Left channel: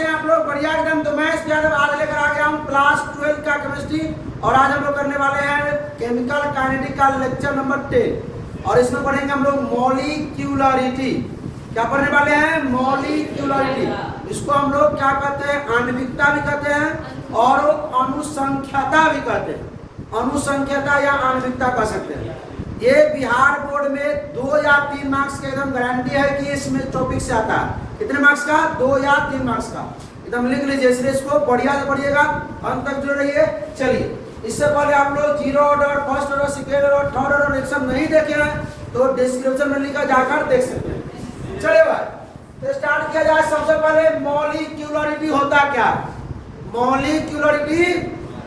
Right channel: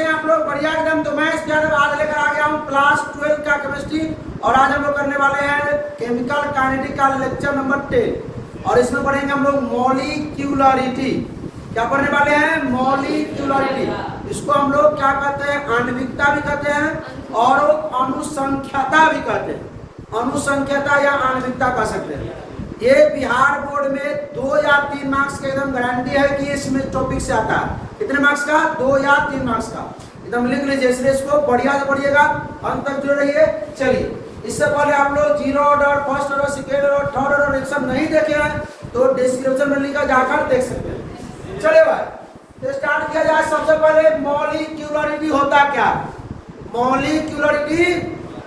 कैसे हैं आप लोग? बढ़िया एकदम। तो मैं यादव आज लेकर आ गया हूँ क्लास 12 का केमिस्ट्री और आज हम लोग करने वाले हैं केमिकल काइनेटिक का लेक्चर नंबर 10 और इसमें पढ़ेंगे हम लोग मॉलिक्यूलरिटी। क्या पढ़ने वाले हैं? मॉलिक्यूलरिटी। इसको हम लोग क्या कहते हैं? आणविकता भी कहते हैं और अनुसंख्यता भी कहते हैं। अनुसंख्यता या आणविकता कह सकते हैं। ये बिहार बोर्ड में 2 या 3 मार्क्स के एकदम गारंटी है कि इसमें टॉपिक से आता है। कितने मार्क्स का? 2 या 3 मार्क्स का। एकदम लिख लीजिए, इसलिए इसको बढ़िया से पढ़िएगा, अंत तक जुड़े रहिए। चलिए, इससे पहले आप लोग zero order, first order, second order, third order reaction नहीं देखे हैं तो डिस्क्रिप्शन में लिखा जाकर देख सकते हैं। चलिए भाई, तो स्टार्ट किया जाए। सबसे पहले मॉलिक्यूलरिटी होता क्या? मॉलिक्यूलरिटी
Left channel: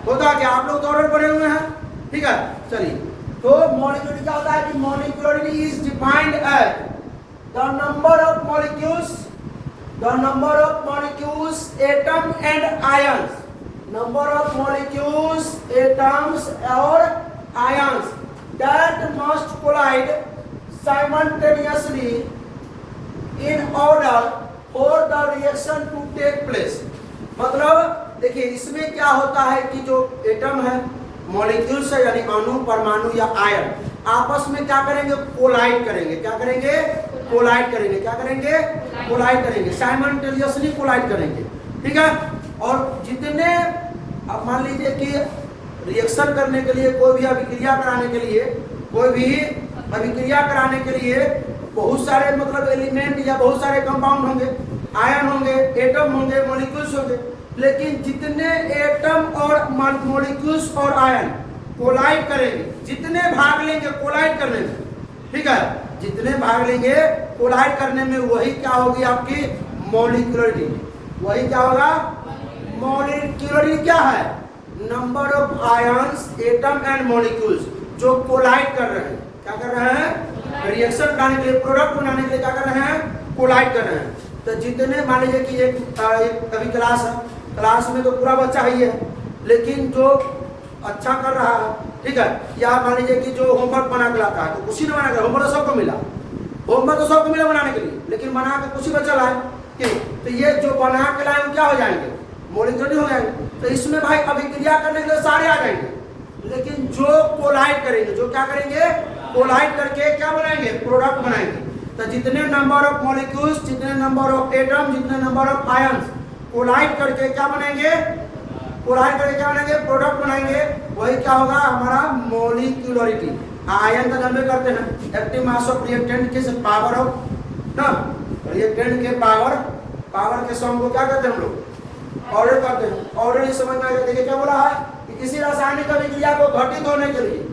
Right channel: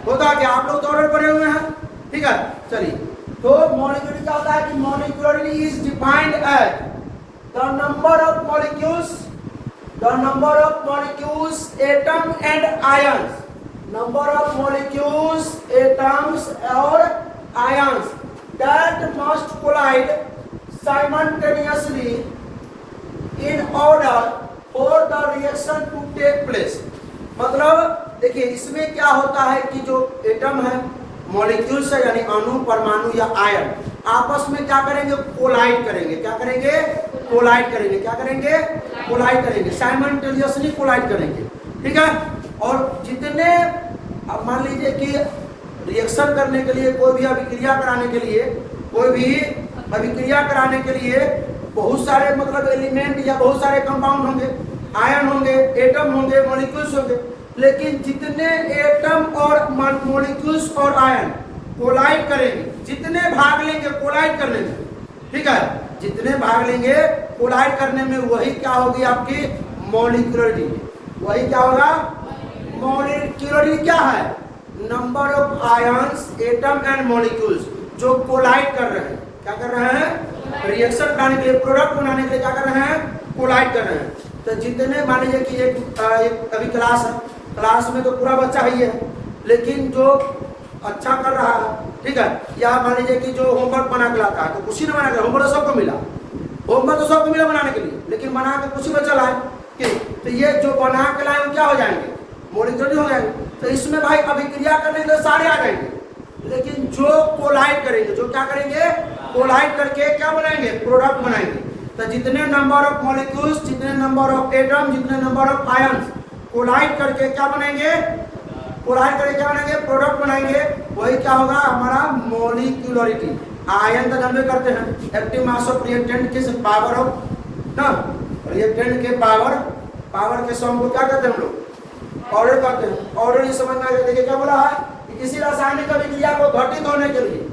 होता क्या? आप लोग तो ऑर्डर पढ़े हुए हैं, ठीक है। चलिए, तो मॉलिक्यूलरिटी क्या होता है कि molecularity is defined as the number of molecules atom and ions. Number of molecules atoms और ions that must collide simultaneously in order for the reaction to take place. मतलब देखिए, इसमें क्या होता है कि जो एटम है, मॉलिक्यूल्स है यानी अणु, परमाणु या आयन, आपस में क्या करेंगे? कोलाइड करेंगे। क्या करेंगे? कोलाइड करेंगे। क्या करेंगे? कोलाइड करेंगे। साइमल्टेनियसली कोलाइड करेंगे, ठीक है। और जितने, अब मान लीजिए कि रिएक्शन करने के लिए, कोई भी अभिक्रिया कराने के लिए बहुत सारे मतलब एलिमेंट या बहुत सारे कंपाउंड होंगे, आयन होंगे, एटम होंगे, मॉलिक्यूल्स होंगे। लेकिन जितने एटम और मॉलिक्यूल्स और आयन कोलाइड करेंगे, जितने भाग लेंगे कोलाइड करने में, ठीक है, जितने भाग लेंगे कोलाइड करने में, वही क्या होगी? आपकी मॉलिक्यूलरिटी। वही क्या होगा? मॉलिक्यूलरिटी क्या है? Number of ions, atom and molecules जो कोलाइड कर रहे हैं। क्या कर रहे हैं? रिएक्शन बनाने के लिए, प्रोडक्ट बनाने के लिए क्या कर रहे हैं? कोलाइड कर रहे हैं। तो जितने, मान लीजिए कि एक अभी क्लास है, क्लास में तो पूरा बच्चा ही है, लेकिन जो अच्छा कर रहा है, ठीक है, या मान लीजिए कि जो होमवर्क बना के लाता है, तो कुछ ही नहीं बना के, होमवर्क तो सबको मिला, होमवर्क तो सबको मिला बनाने के लिए, लेकिन बना के कुछ ही बच्चा लाए, तो ये जो बना के लाए वो क्या हो जाएंगे? मॉलिक्यूलर हो जाएंगे। तो इसमें भाई अभिक्रिया करने के लिए सारे आ जाएंगे, लेकिन जो कोलाइड करेंगे, जो क्या करेंगे? कोलाइड करके क्या बनाएंगे? प्रोडक्ट बनाएंगे। तो जितने नंबर ऑफ मॉलिक्यूल्स, जितने नंबर ऑफ एटम, जितने नंबर ऑफ आयंस कोलाइड करके क्या बनाएंगे? कोलाइड करके क्या बनाएंगे? प्रोडक्ट बनाएंगे। वही क्या होगा? हमारा मॉलिक्यूलरिटी। आयन का जन्म करते हैं, एक्टिव मास ऑफ रिएक्टेंट के पावर ऑफ ना, रिएक्टेंट के पावर के सम को क्या कहते हैं हम लोग? ऑर्डर कहते हैं। ऑर्डर ये समझ में आएगा। देखिए क्या बोला है कि किसी रासायनिक अभिक्रिया को घटित होने के लिए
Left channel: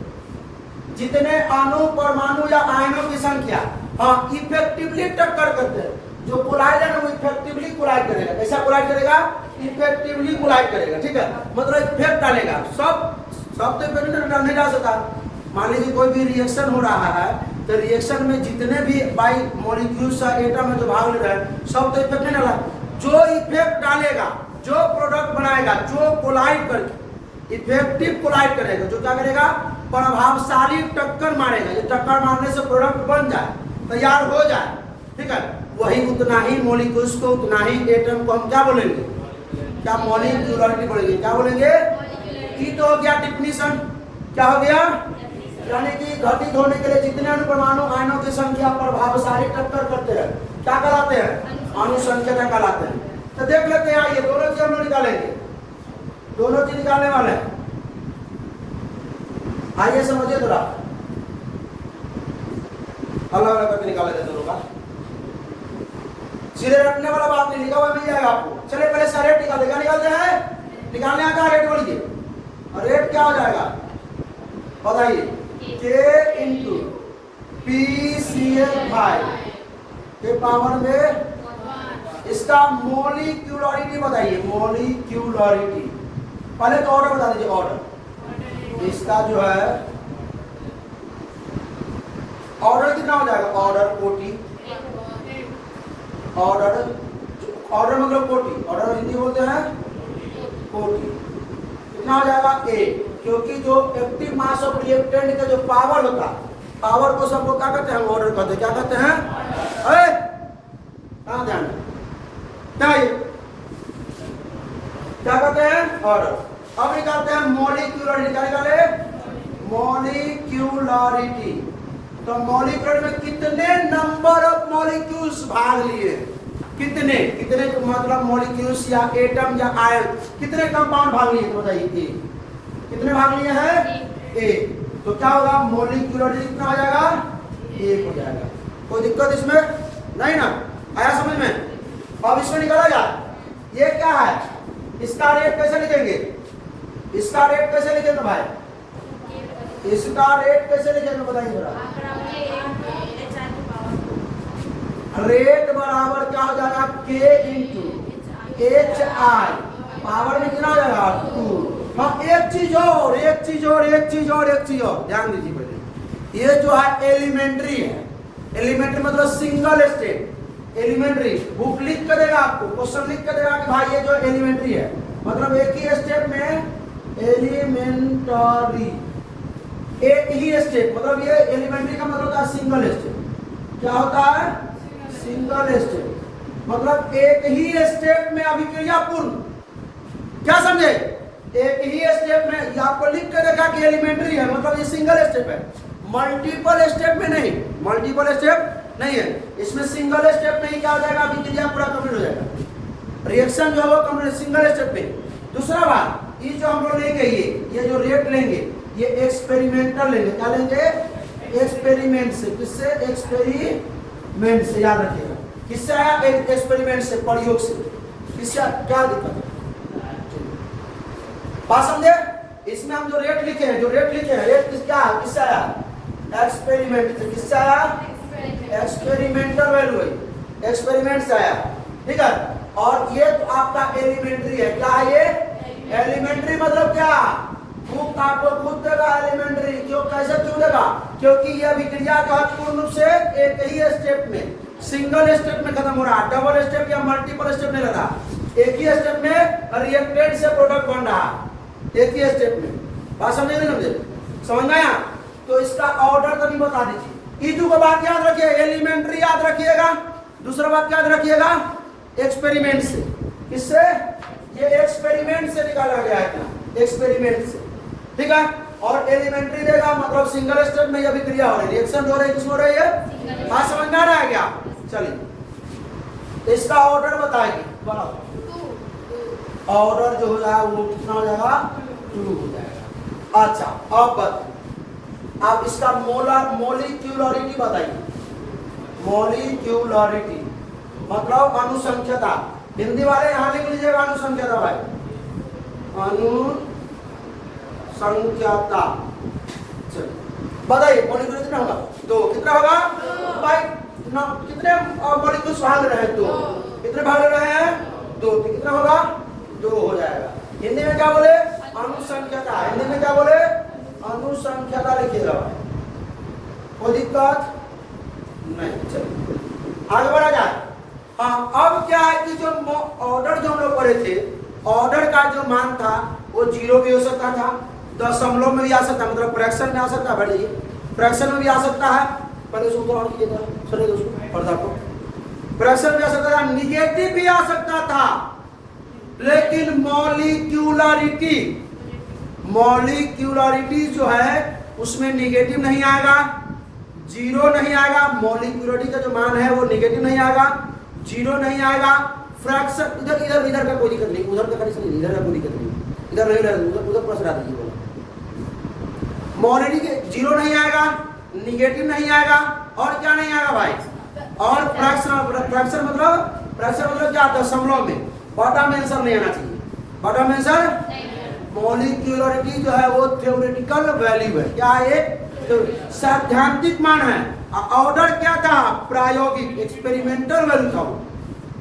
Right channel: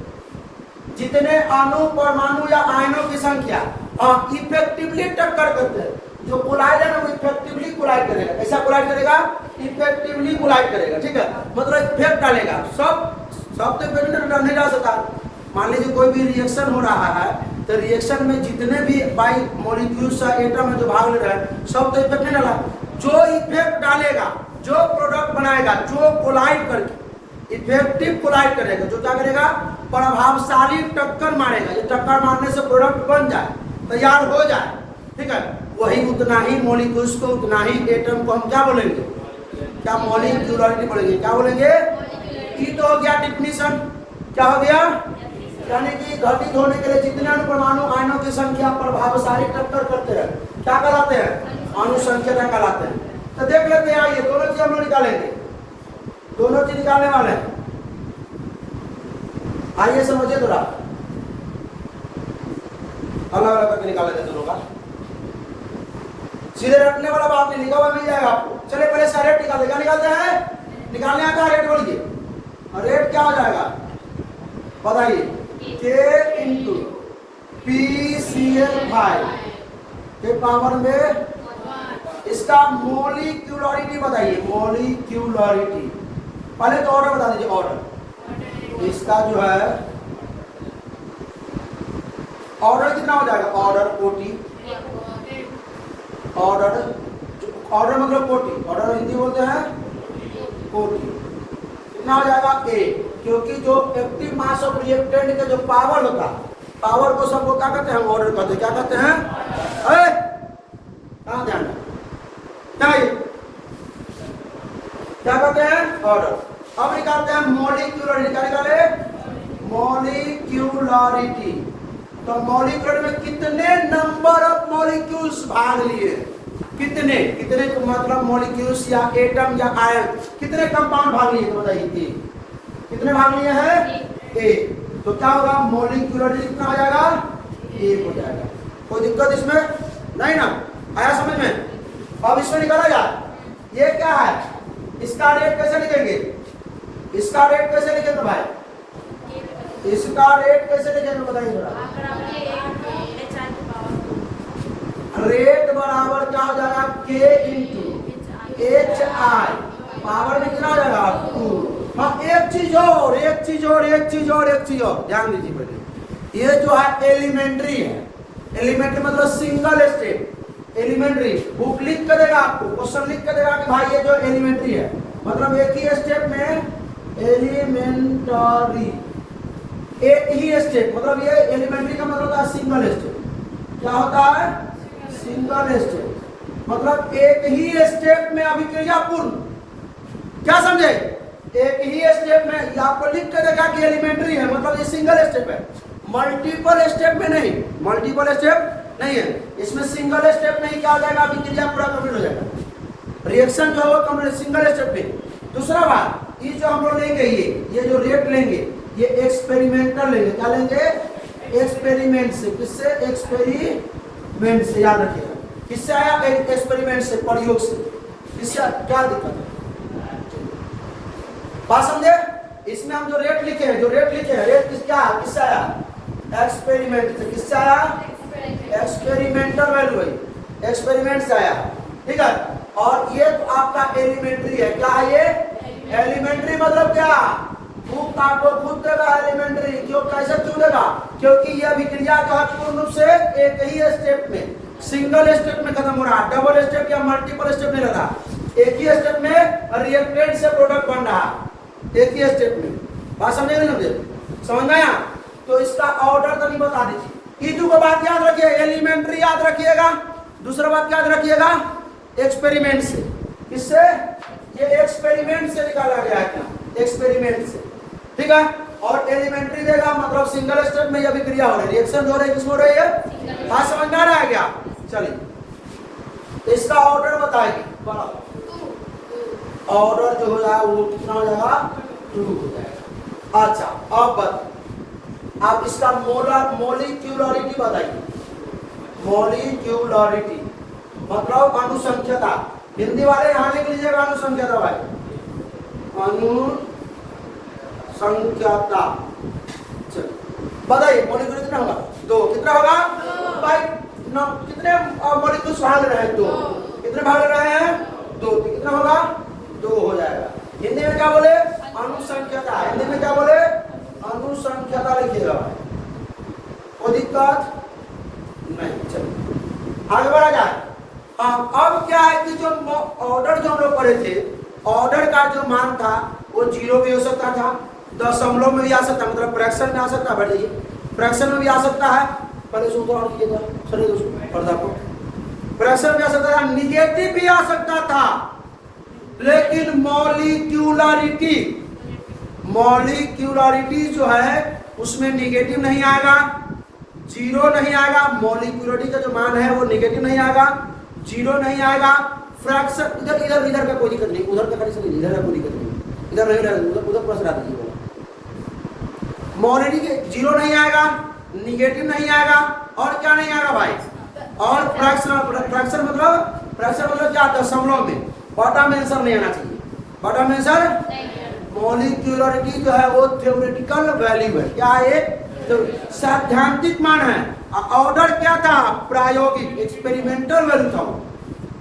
जितने अणु, परमाणु या आयनों की संख्या इफेक्टिवली टक्कर करते हैं, जो कोलाइड है ना, वो इफेक्टिवली कोलाइड करेगा। कैसा कोलाइड करेगा? इफेक्टिवली कोलाइड करेगा, ठीक है। मतलब इफेक्ट डालेगा। सब तो इफेक्ट नहीं डाल सकता। मान लीजिए कोई भी रिएक्शन हो रहा है, तो रिएक्शन में जितने भी बाई मॉलिक्यूल्स या एटम है जो भाग ले रहे हैं, सब तो इफेक्ट नहीं डाला। जो इफेक्ट डालेगा, जो प्रोडक्ट बनाएगा, जो कोलाइड करके इफेक्टिव कोलाइड करेगा, जो क्या करेगा? प्रभावशाली टक्कर मारेगा। ये टक्कर मारने से प्रोडक्ट बन जाए, तैयार हो जाए, ठीक है, वही उतना ही मॉलिक्यूल्स को, उतना ही एटम को हम क्या बोलेंगे? क्या मॉलिक्यूलरिटी बोलेंगे? क्या बोलेंगे? ये तो हो गया डिफिनीशन। क्या हो गया? यानी कि घटित होने के लिए जितने अणु, परमाणु, आयनों की संख्या प्रभावशाली टक्कर करते हैं, क्या कहलाते हैं? अनुसंख्यता कहलाते हैं। तो देख लेते हैं, आइए दोनों चीज हम लोग निकालेंगे, दोनों चीज निकालने वाले हैं। आइए समझिए थोड़ा, अलग अलग करके निकाला जाए दोनों का। सीधे रखने वाला बात नहीं, लिखा हुआ मिल जाएगा आपको। चलिए पहले इसका रेट निकाल देगा। निकालते हैं, निकालने का रेट बोलिए। रेट क्या हो जाएगा बताइए? K इंटू PCl5 के पावर में इसका मॉलिक्यूलरिटी बताइए। मॉलिक्यूलरिटी पहले तो ऑर्डर बता दीजिए। ऑर्डर इसका जो है ऑर्डर कितना हो जाएगा? ऑर्डर कोटि, ऑर्डर मतलब कोटि, ऑर्डर हिंदी बोलते हैं कोटि। कितना हो जाएगा? ए, क्योंकि जो एक्टिव मास ऑफ रिएक्टेंट के जो पावर होता है, पावर को सबको क्या कहते हैं? ऑर्डर कहते हैं। क्या कहते हैं? कहाँ ध्यान मॉलिक्यूल में कितने नंबर ऑफ मॉलिक्यूल्स भाग लिए, कितने कितने मतलब मॉलिक्यूल्स या एटम या आयन कितने कंपाउंड भाग लिए, तो बताइए कितने भाग लिए हैं, एक। तो क्या होगा, मॉलिक्यूलरिटी कितना हो जाएगा, एक हो जाएगा। कोई दिक्कत इसमें नहीं ना, आया समझ में। अब इसको निकाला जाए, ये क्या है, इसका रेट कैसे लिखेंगे, इसका रेट कैसे लिखेंगे भाई, इसका रेट कैसे लिखेंगे बताइए जरा। रेट बराबर क्या हो जाएगा, के इंटू एच आई, पावर में कितना हो जाएगा 2। हम एक चीज और एक चीज और एक चीज और एक चीज और ध्यान दीजिए पहले, ये जो है एलिमेंट्री है, एलिमेंट्री मतलब सिंगल स्टेप। एलिमेंट्री बुक लिख कर देगा आपको, क्वेश्चन लिख कर देगा कि भाई ये जो एलिमेंट्री है मतलब एक ही स्टेप में एलिमेंटरी, एक ही स्टेप मतलब ये एलिमेंट्री का मतलब होता है सिंगल स्टेप। क्या होता है, सिंगल स्टेप मतलब एक ही स्टेप में अभिक्रिया पूर्ण। क्या समझे, एक ही स्टेप में आपको लिख कर देखा कि एलिमेंट्री है मतलब ये सिंगल स्टेप है, मल्टीपल स्टेप में नहीं, मल्टीपल स्टेप नहीं है इसमें, सिंगल स्टेप में ही क्या हो जाएगा, अभिक्रिया पूरा कंप्लीट हो जाएगा, रिएक्शन जो है वो कंप्लीट सिंगल स्टेप में। दूसरा बात, ये जो हम लोग लेंगे ये जो रेट लेंगे ये एक्सपेरिमेंटल लेंगे, क्या लेंगे, एक्सपेरिमेंट से। किससे, एक्सपेरिमेंट से, याद रखिएगा किससे आया, एक्सपेरिमेंट से, प्रयोग से। किससे क्या दिक्कत है, बात समझे। इसमें हम जो रेट लिखे हैं, जो रेट लिखे हैं, रेट क्या है, किससे आया, एक्सपेरिमेंट से। किससे आया, एक्सपेरिमेंटल वैल्यू है, एक्सपेरिमेंट से आया, ठीक है। और ये आपका एलिमेंट्री है, क्या है ये, एलिमेंट्री मतलब क्या, बुक आपको खुद देगा एलिमेंट्री, क्यों, कैसे क्यों देगा, क्योंकि यह अभिक्रिया का पूर्ण रूप से एक ही स्टेप में, सिंगल स्टेप में खत्म हो रहा है, डबल स्टेप या मल्टीपल स्टेप में रहता, एक ही स्टेप में रिएक्टेंट से प्रोडक्ट बन रहा है, एक ही स्टेप में। बात समझे नहीं समझे, समझ में आया। तो इसका ऑर्डर तो नहीं बता दीजिए, ई को बात याद रखिए, एलिमेंट्री याद रखिएगा, दूसरा बात याद रखिएगा एक्सपेरिमेंट से। किससे, ये एक्सपेरिमेंट से निकाला गया है, एक्सपेरिमेंट से, ठीक है। और एलिमेंट्री देगा मतलब सिंगल स्टेप में अभिक्रिया हो रही है, रिएक्शन हो रही है, किस हो रही है, बात समझ में आ रहा है क्या। चलिए इसका ऑर्डर बताएंगे, ऑर्डर जो हो जाएगा वो कितना हो जाएगा, 2 हो जाएगा। अच्छा अब आप इसका मोलिक्यूलरिटी बताइए, मोलिक्यूलरिटी मतलब अनुसंख्यता, हिंदी वाले यहाँ लिख लीजिएगा अनुसंख्यता भाई, अनुसंख्यता। बताइए मोलिक्यूल कितना होगा, 2, कितना होगा भाई, कितने मोलिक्यूल्स भाग रहे हैं, 2, कितने भाग रहे हैं, 2, तो कितना होगा, 2 हो जाएगा। हिंदी में क्या बोले, अनुसंख्यता, हिंदी में क्या बोले, अनुसंख्यता लिखिएगा, कोई दिक्कत नहीं। चलो आगे बढ़ा जाए। हाँ अब क्या है कि जो ऑर्डर जो हम लोग पढ़े थे, ऑर्डर का जो मान था वो 0 भी हो सकता था, दशमलव में भी आ सकता है, मतलब फ्रैक्शन में आ सकता है, बैठ जाइए, फ्रैक्शन में भी आ सकता है, पहले उसको और कीजिएगा, छोड़िए दोस्तों और देखो, फ्रैक्शन में आ सकता था, निगेटिव भी आ सकता था, लेकिन मॉलिक्यूलरिटी, मॉलिक्यूलरिटी जो है उसमें निगेटिव नहीं आएगा, 0 नहीं आएगा, मॉलिक्यूलरिटी का जो मान है वो निगेटिव नहीं आएगा, 0 नहीं आएगा, फ्रैक्शन इधर इधर इधर का कोई दिक्कत नहीं, उधर का कंडीशन नहीं, इधर का कोई दिक्कत नहीं, इधर नहीं रहेगा, उधर प्लस रहा दीजिए, मॉलिक्यूलरिटी के 0 नहीं आएगा, निगेटिव नहीं आएगा, और क्या नहीं आएगा भाई, और फ्रैक्शन मतलब क्या, दशमलव में, बटा में आंसर नहीं आना चाहिए, बटा में आंसर। मॉलिक्यूलरिटी जो है वो थ्योरेटिकल वैल्यू है, क्या है, तो सैद्धांतिक मान है। ऑर्डर क्या था, प्रायोगिक, एक्सपेरिमेंटल वैल्यू था वो,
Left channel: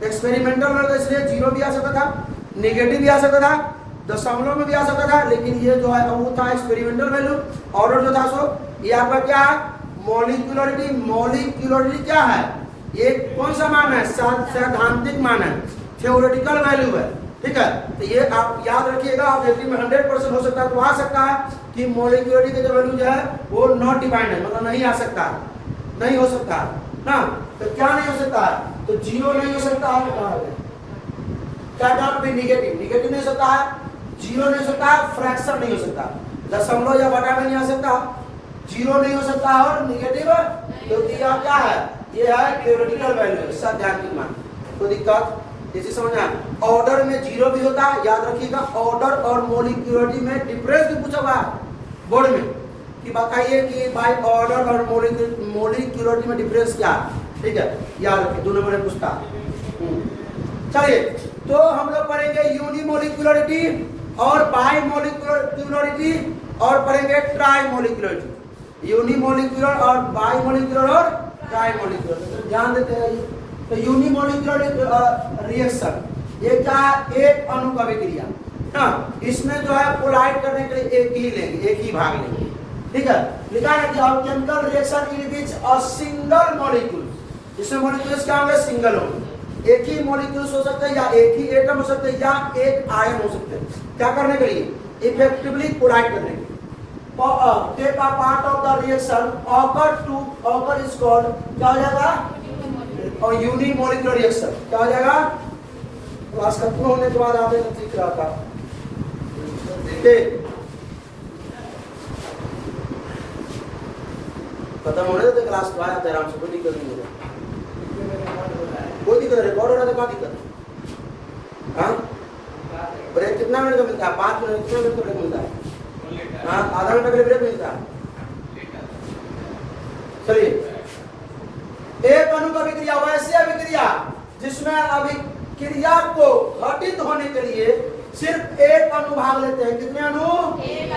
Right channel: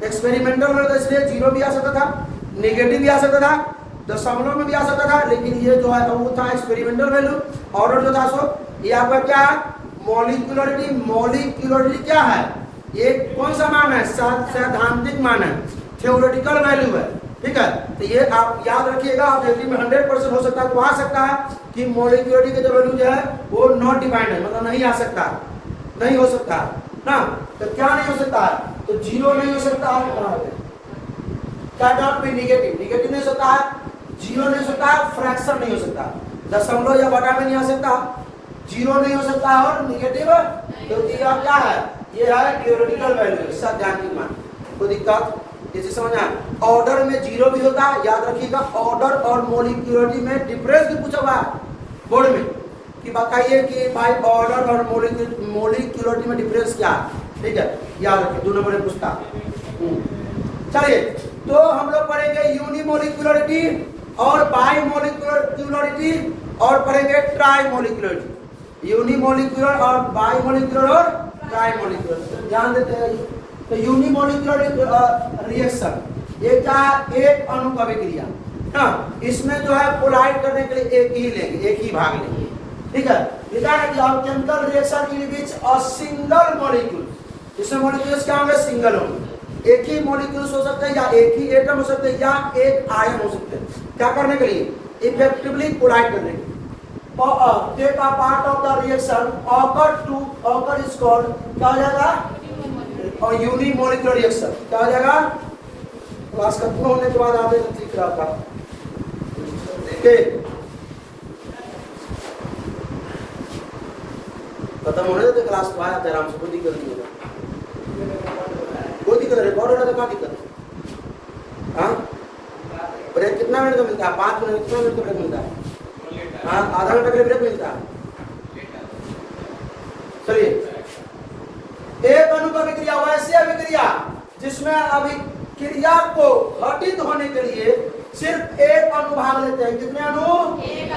एक्सपेरिमेंटल वैल्यू, इसलिए 0 भी आ सकता था, नेगेटिव भी आ सकता था, दशमलव में भी आ सकता था, लेकिन ये जो है वो था एक्सपेरिमेंटल वैल्यू। ऑर्डर जो था सो ये आपका क्या है, मॉलिक्यूलरिटी। मॉलिक्यूलरिटी क्या है, ये कौन सा मान है, सैद्धांतिक मान है, थ्योरेटिकल वैल्यू है, ठीक है। तो ये आप याद रखिएगा, आप में 100% हो सकता है, तो आ सकता है कि मॉलिक्यूलरिटी का जो वैल्यू जो है वो नॉट डिफाइंड है, मतलब नहीं आ सकता है, नहीं हो सकता है ना। तो क्या नहीं हो सकता है, तो 0 नहीं हो सकता है, क्या नॉट बी निगेटिव, निगेटिव नहीं हो सकता है, 0 नहीं हो सकता है, फ्रैक्शन नहीं हो सकता, दशमलव या बटा में नहीं आ सकता, जीरो नहीं हो सकता और निगेटिव, तो यह क्या है, ये है थ्योरेटिकल वैल्यू, सब ध्यान रखना, कोई दिक्कत इसे समझना है। ऑर्डर में जीरो भी होता है, याद रखिएगा। ऑर्डर और मोलिक्युलरिटी में डिफरेंस भी पूछा हुआ है बोर्ड में कि बताइए कि भाई ऑर्डर और मोलिक्युलरिटी में डिफरेंस क्या है, ठीक है, याद रखिए, 2 नंबर में पूछता है। चलिए, तो हम लोग पढ़ेंगे यूनिमोलिक्युलरिटी और बाई मोलिक्युलरिटी और पढ़ेंगे ट्राई मोलिक्युलरिटी, यूनिमोलिक्युलर और बाई मोलिक्युलर और ट्राई मोलिक्युलर। ध्यान देते हैं, तो यूनिमोलिक्युलर रिएक्शन ये क्या है, एक अणु का अभिक्रिया, हाँ, इसमें जो है पोलाइट करने के लिए एक ही लेंगे, एक ही भाग लेंगे, ठीक है। लिखा है कि chemical reaction in which a single molecule, इसमें मॉलिक्यूल्स क्या होंगे, सिंगल होंगे, एक ही मॉलिक्यूल्स हो सकते हैं या एक ही एटम हो सकते हैं या एक आयन हो सकते हैं। क्या करने के लिए, इफेक्टिवली कोलाइड करने के लिए। Take a part of the reaction occur is called, क्या हो जाएगा, और यूनिमोलिक्युलर रिएक्शन क्या हो जाएगा। क्लास खत्म होने के बाद आगे ठीक रहता, खत्म होने तो क्लास तो आया आराम से, कोई दिक्कत नहीं है, कोई दिक्कत, रिकॉर्ड होना तो क्या दिक्कत, हाँ। ब्रेक कितना मिनट का मिलता है, 5 मिनट, कितना मिनट का ब्रेक मिलता है, हाँ, आधा घंटे का ब्रेक मिलता है। चलिए, एक अणु का अभिक्रिया वैसी अभिक्रिया जिसमें अभिक्रिया को घटित होने के लिए सिर्फ एक अणु भाग लेते हैं। कितने अणु,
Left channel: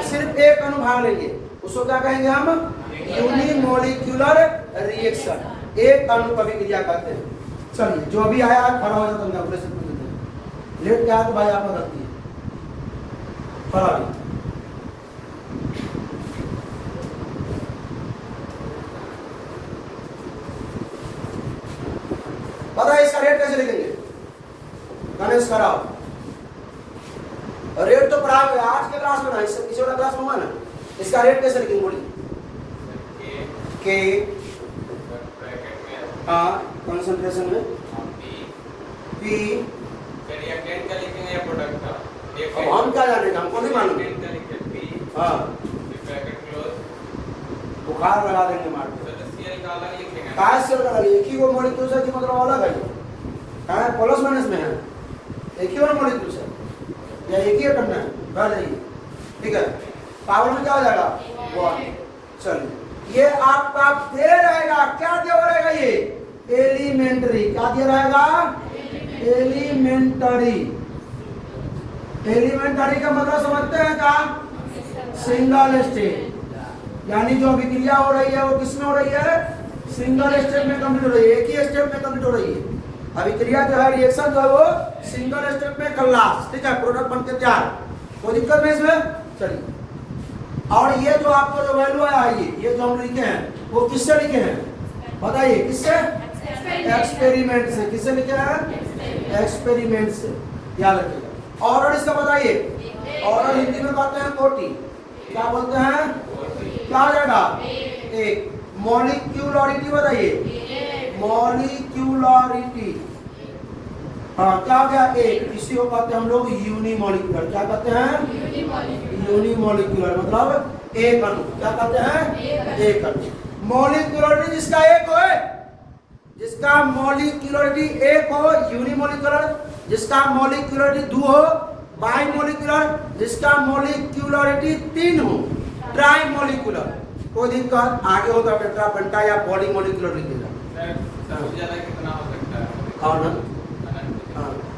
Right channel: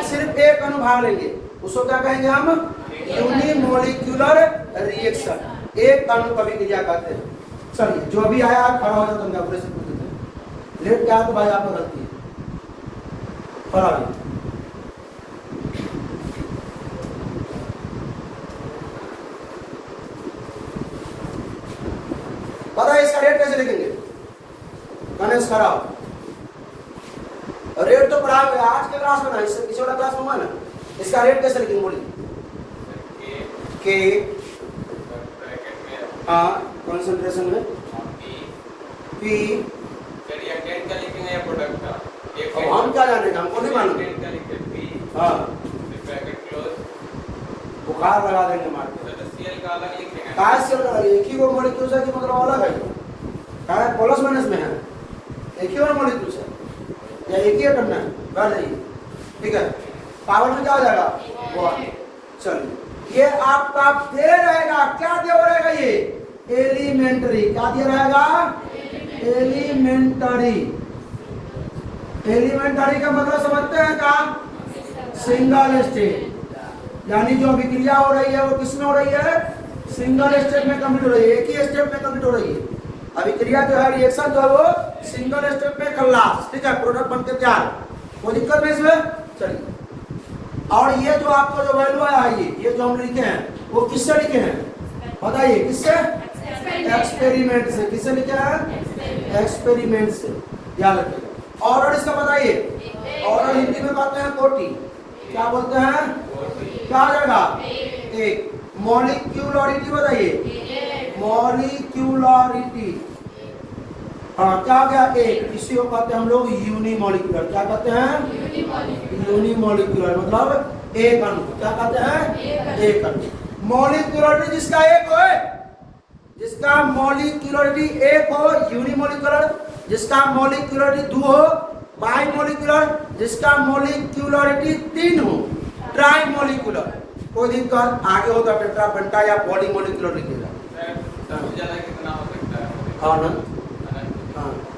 सिर्फ एक अणु भाग लेंगे, उसको क्या कहेंगे हम, यूनिमोलिक्युलर रिएक्शन, एक अणु का अभिक्रिया कहते हैं। चलिए, जो भी आया खड़ा हो जाता, मैं अपने से पूछ देता हूं, लेट क्या तो भाई आपने गलती है, खड़ा हो। पता है इसका रेट कैसे लिखेंगे, गणेश कराओ, रेट तो पढ़ा हुआ है आज के क्लास में ना, इस वाला क्लास में हुआ ना, इसका रेट कैसे लिखेंगे बोलिए, के कंसंट्रेशन में पी, हम क्या जाने, हमको नहीं मालूम, हाँ, बुखार लगा देंगे मार, एक ही वो मॉलिक्यूल है कि मतलब अलग है, क्या प्लस माइनस में है, एक ही वो मॉलिक्यूल है या एक ही एटम में कर देंगे, ठीक है। पावर में क्या हो जाएगा, चलिए, ये आपका दे रहेगा, क्या दे रहेगा, ये एलिमेंटरी, क्या दे रहेगा, एलिमेंटरी। एलिमेंटरी का मतलब समझते हैं क्या, सिंगल स्टेट, यानी जो अभिक्रिया हो रही है वो किसमें हो रही है, सिंगल स्टेप में कंप्लीट हो रही है, एक ही स्टेप में कंप्लीट हो रही है। अभिक्रिया जो है, रिएक्शन जो है वो सिंगल स्टेप में खल्लास, ठीक है, प्रोडक्ट बनके तैयार, कोई दिक्कत नहीं इसमें। चलिए, और ये जो आपको जो वैल्यू आया है, ये जो हम लिखे हैं वो किससे लिखे हैं, बताइए, किससे, एक्सपेरिमेंट से। किससे लिखे हैं, एक्सपेरिमेंट से, याद रखिएगा। ऑर्डर इसका बताइए, ऑर्डर हिंदी में कहते हैं कोटि, क्या बोलते हैं, क्या हो जाएगा, एक। मॉलिक्यूलरिटी बताइए, मॉलिक्यूलरिटी, हाँ, क्या क्या, एक। इसी को कहते हैं हम लोग यूनिमोलिक्यूलर, क्या कहते हैं, यूनिमोलिक्यूलर मतलब एक अणु, क्या कहते हैं, एक अणु। मॉलिक्यूलरिटी जिसका एक हो, जिसका मॉलिक्यूलरिटी एक हो, यूनिमोलिक्यूलर, जिसका मॉलिक्यूलरिटी 2 हो, बाई मोलिकुलर, जिसका मॉलिक्यूलरिटी 3 हो, ट्राई मोलिकुलर। कोई दिक्कत आगे होगा टेट्रा पेंटा या पॉली मोलिकुलर लिखेगा,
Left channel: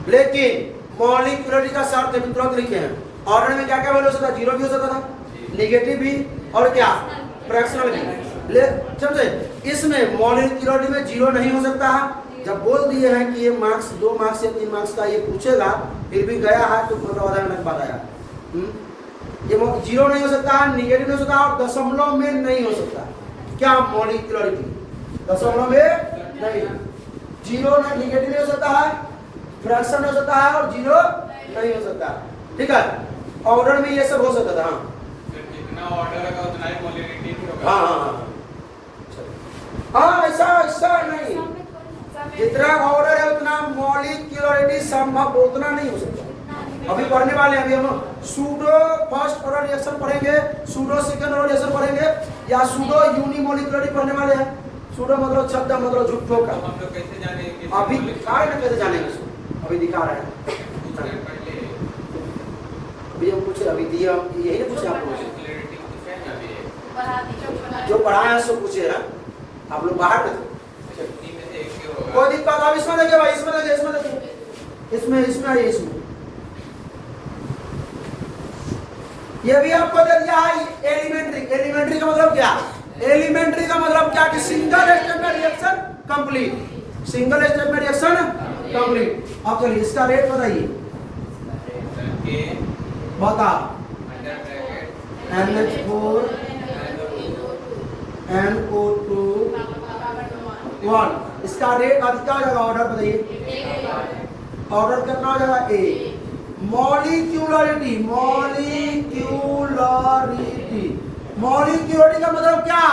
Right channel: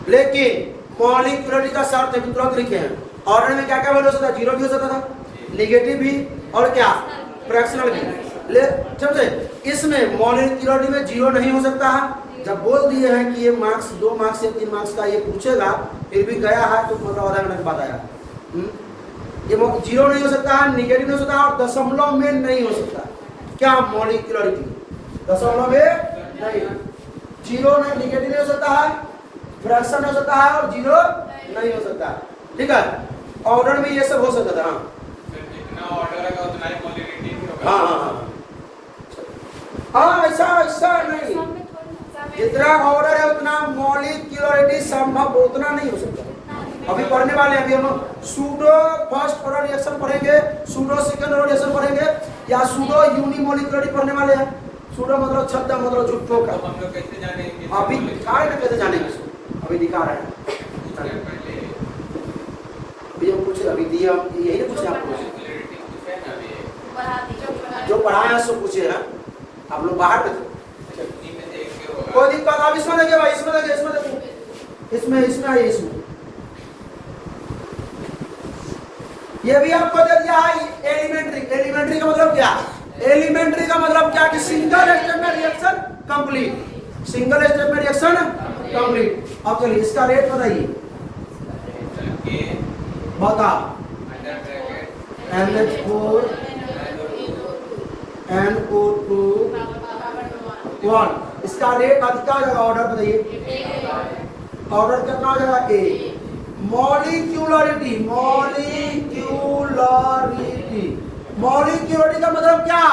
लेकिन मॉलिक्यूलरिटी का शर्त है तुरंत लिखे हैं। ऑर्डर में क्या क्या वैल्यू हो सकता है, 0 भी हो सकता था, नेगेटिव भी, और क्या, फ्रैक्शनल भी। समझे, इसमें मॉलिक्यूलरिटी में 0 नहीं हो सकता है। जब बोल दिए हैं कि ये मार्क्स 2 मार्क्स या 3 मार्क्स का ये पूछेगा, फिर भी गया है तो मतलब आधा घंटा के बाद आया। ये 0 नहीं हो सकता है, निगेटिव नहीं हो सकता और दशमलव में नहीं हो सकता। क्या मॉलिक्यूलरिटी दशमलव में नहीं, 0 नहीं, निगेटिव नहीं हो सकता है, फ्रैक्शन नहीं हो सकता है और 0 नहीं हो सकता है, ठीक है। ऑर्डर में ये सब हो सकता है, जितना ऑर्डर है उतना ही मॉलिक्यूलरिटी। हाँ, ऐसा नहीं, जितना ऑर्डर है उतना मॉलिक्यूलरिटी संभव उतना नहीं हो सकता। अभी पढ़ने वाले हैं, अभी हम सूडो फर्स्ट ऑर्डर रिएक्शन पढ़ेंगे, सूडो सेकंड ऑर्डर रिएक्शन पढ़ेंगे, या सूडो यूनिमोलिकुलरिटी पढ़ने वाले हैं। सूडो मतलब शब्द है, मतलब झूठों का। हम लोग कैसे जाने अभी दिखा रहे हैं, कैसे जानेंगे इसको? अभी दिखा रहा है। अभी हम पूछे, अभी दिया यही पूछे आपको, जो पढ़ाए हैं सो पूछे हैं, आप लोग बाहर में थे। कोई दिक्कत, आप इसमें देखिए भाई, इसमें देखिए, इसमें देखिए, इसमें आइए, इसमें ये भी आपको दे दिया है एलिमेंट्री। एलिमेंट्री का मतलब क्या? एलिमेंट्री का मतलब क्या कि सिंगल स्टेप में रिएक्शन कंप्लीट, सिंगल स्टेप में रिएक्शन कंप्लीट। अब चलिए इसका रेट बताइए, बता। NH4 NO2 1, इसका रेट अधिक हो जाएगा। ऑर्डर बताइए, ऑर्डर कितना हो जाएगा? ए। मॉलिक्यूलरिटी, मॉलिक्यूलरिटी, मॉलिक्यूलरिटी का मतलब क्या?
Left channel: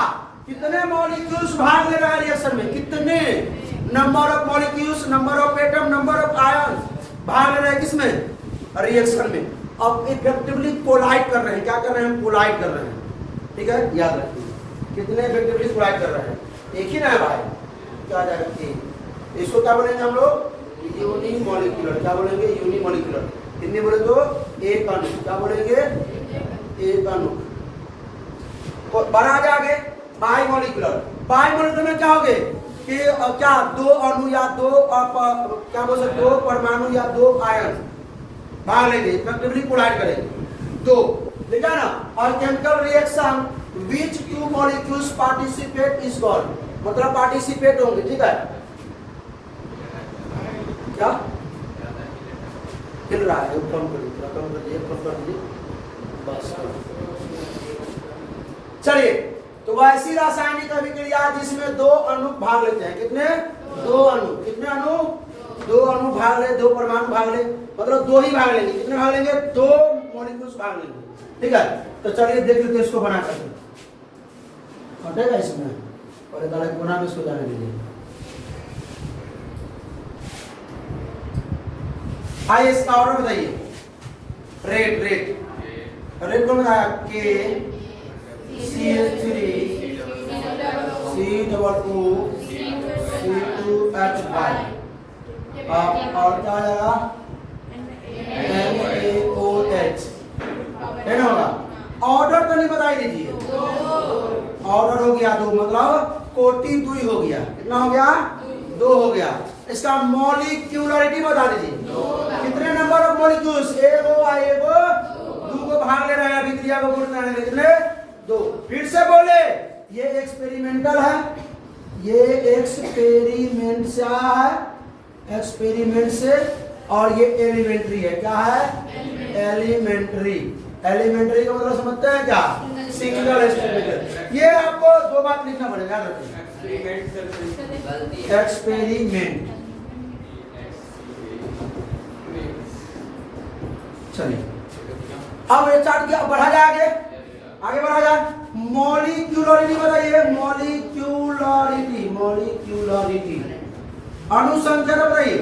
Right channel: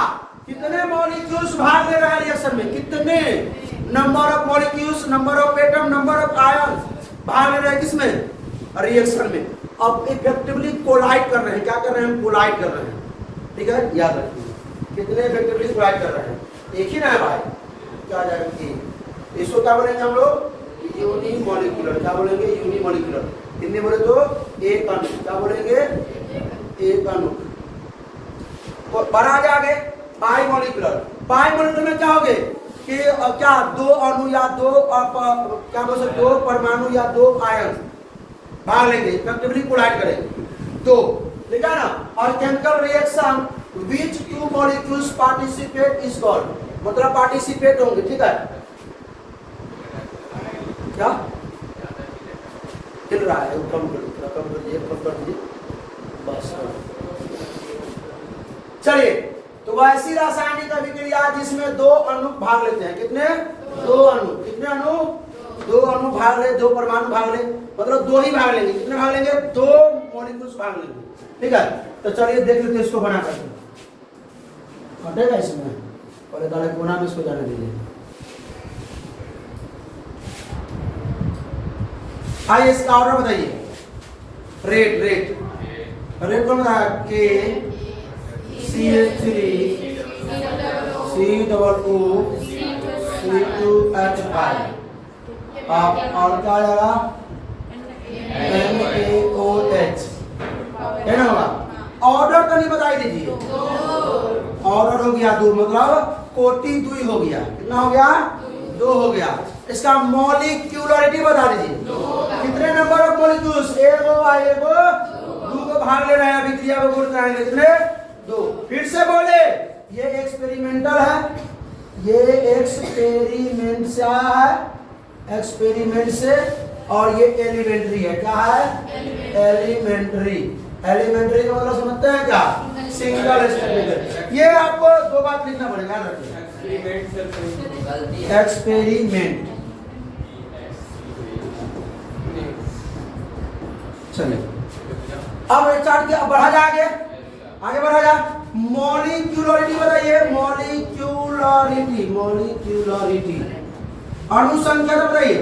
कितने मॉलिक्यूल्स भाग ले रहे हैं रिएक्शन में, कितने number of molecules, number of atom, number of ion भाग ले रहे हैं किसमें? रिएक्शन में। अब इफेक्टिवली कोलाइड कर रहे हैं, क्या कर रहे हैं? कोलाइड कर रहे हैं, ठीक है, याद रखिए। कितने इफेक्टिवली कोलाइड कर रहे हैं? एक ही ना है भाई, क्या जाएगा? इसको क्या बोलेंगे हम लोग? यूनिमोलिकुलर। क्या बोलेंगे? यूनिमोलिकुलर। हिंदी बोले तो एक अणु। क्या बोलेंगे? एक अणु। बढ़ा जाएंगे बाई मोलिकुलर। बाई मोलिकुलर में क्या होगे कि क्या दो अणु या दो क्या बोल सकते हो, परमाणु या दो आयन भाग लेंगे, इफेक्टिवली कोलाइड करेंगे दो, ठीक है ना। और chemical reaction which two molecules participate is called, मतलब पार्टिसिपेट होंगे, ठीक है। क्या हिल रहा है? कम कर दीजिए, कम कर दीजिए, कम कर दीजिए, बस। चलिए, तो वैसी रासायनिक अभिक्रिया जिसमें दो अणु भाग लेते हैं, कितने? दो अणु। कितने अणु? दो अणु भाग ले, दो परमाणु भाग ले, मतलब दो ही भाग लेंगे। कितने भाग लेंगे? दो मॉलिक्यूल्स भाग लेंगे, ठीक है। तो चलिए देख लेते हैं इसको बना करके, कटेगा इसमें, और एक कोना में इसको जाने दीजिए। आइए इसका ऑर्डर बताइए। रेट रेट को बताया के CH3 COO C2H5 और क्या आएगा? NaOH, है ना? होगा ऑर्डर तो नहीं बताई दीजिए। ऑर्डर हो गया दो, मतलब कोटि दुई हो गया। कितना हो गया? दो हो गया। इसका मॉलिक्यूलरिटी बता दीजिए, कितने नंबर ऑफ मॉलिक्यूल्स? एगो दो को भाग ले रहे हैं, अभिक्रिया को बोलते हैं कितने? दो। फिर से बोले, ये एक्सपेरिमेंटल है, ये एक्सपेरिमेंट से है, एक्सपेरिमेंट से, और ये एलिमेंट्री है। क्या है? एलिमेंट्री। एलिमेंट्री का मतलब समझते हैं क्या? Single step. ये आपको दो बात लिखना पड़ेगा, याद रखिए। एक्सपेरिमेंट। चलिए अब चार्ट किया, बढ़ा जा आगे बढ़ा जा। मॉलिक्यूलरिटी बताइए, मॉलिक्यूलरिटी, मॉलिक्यूलरिटी। अणुसंख्या बताइए,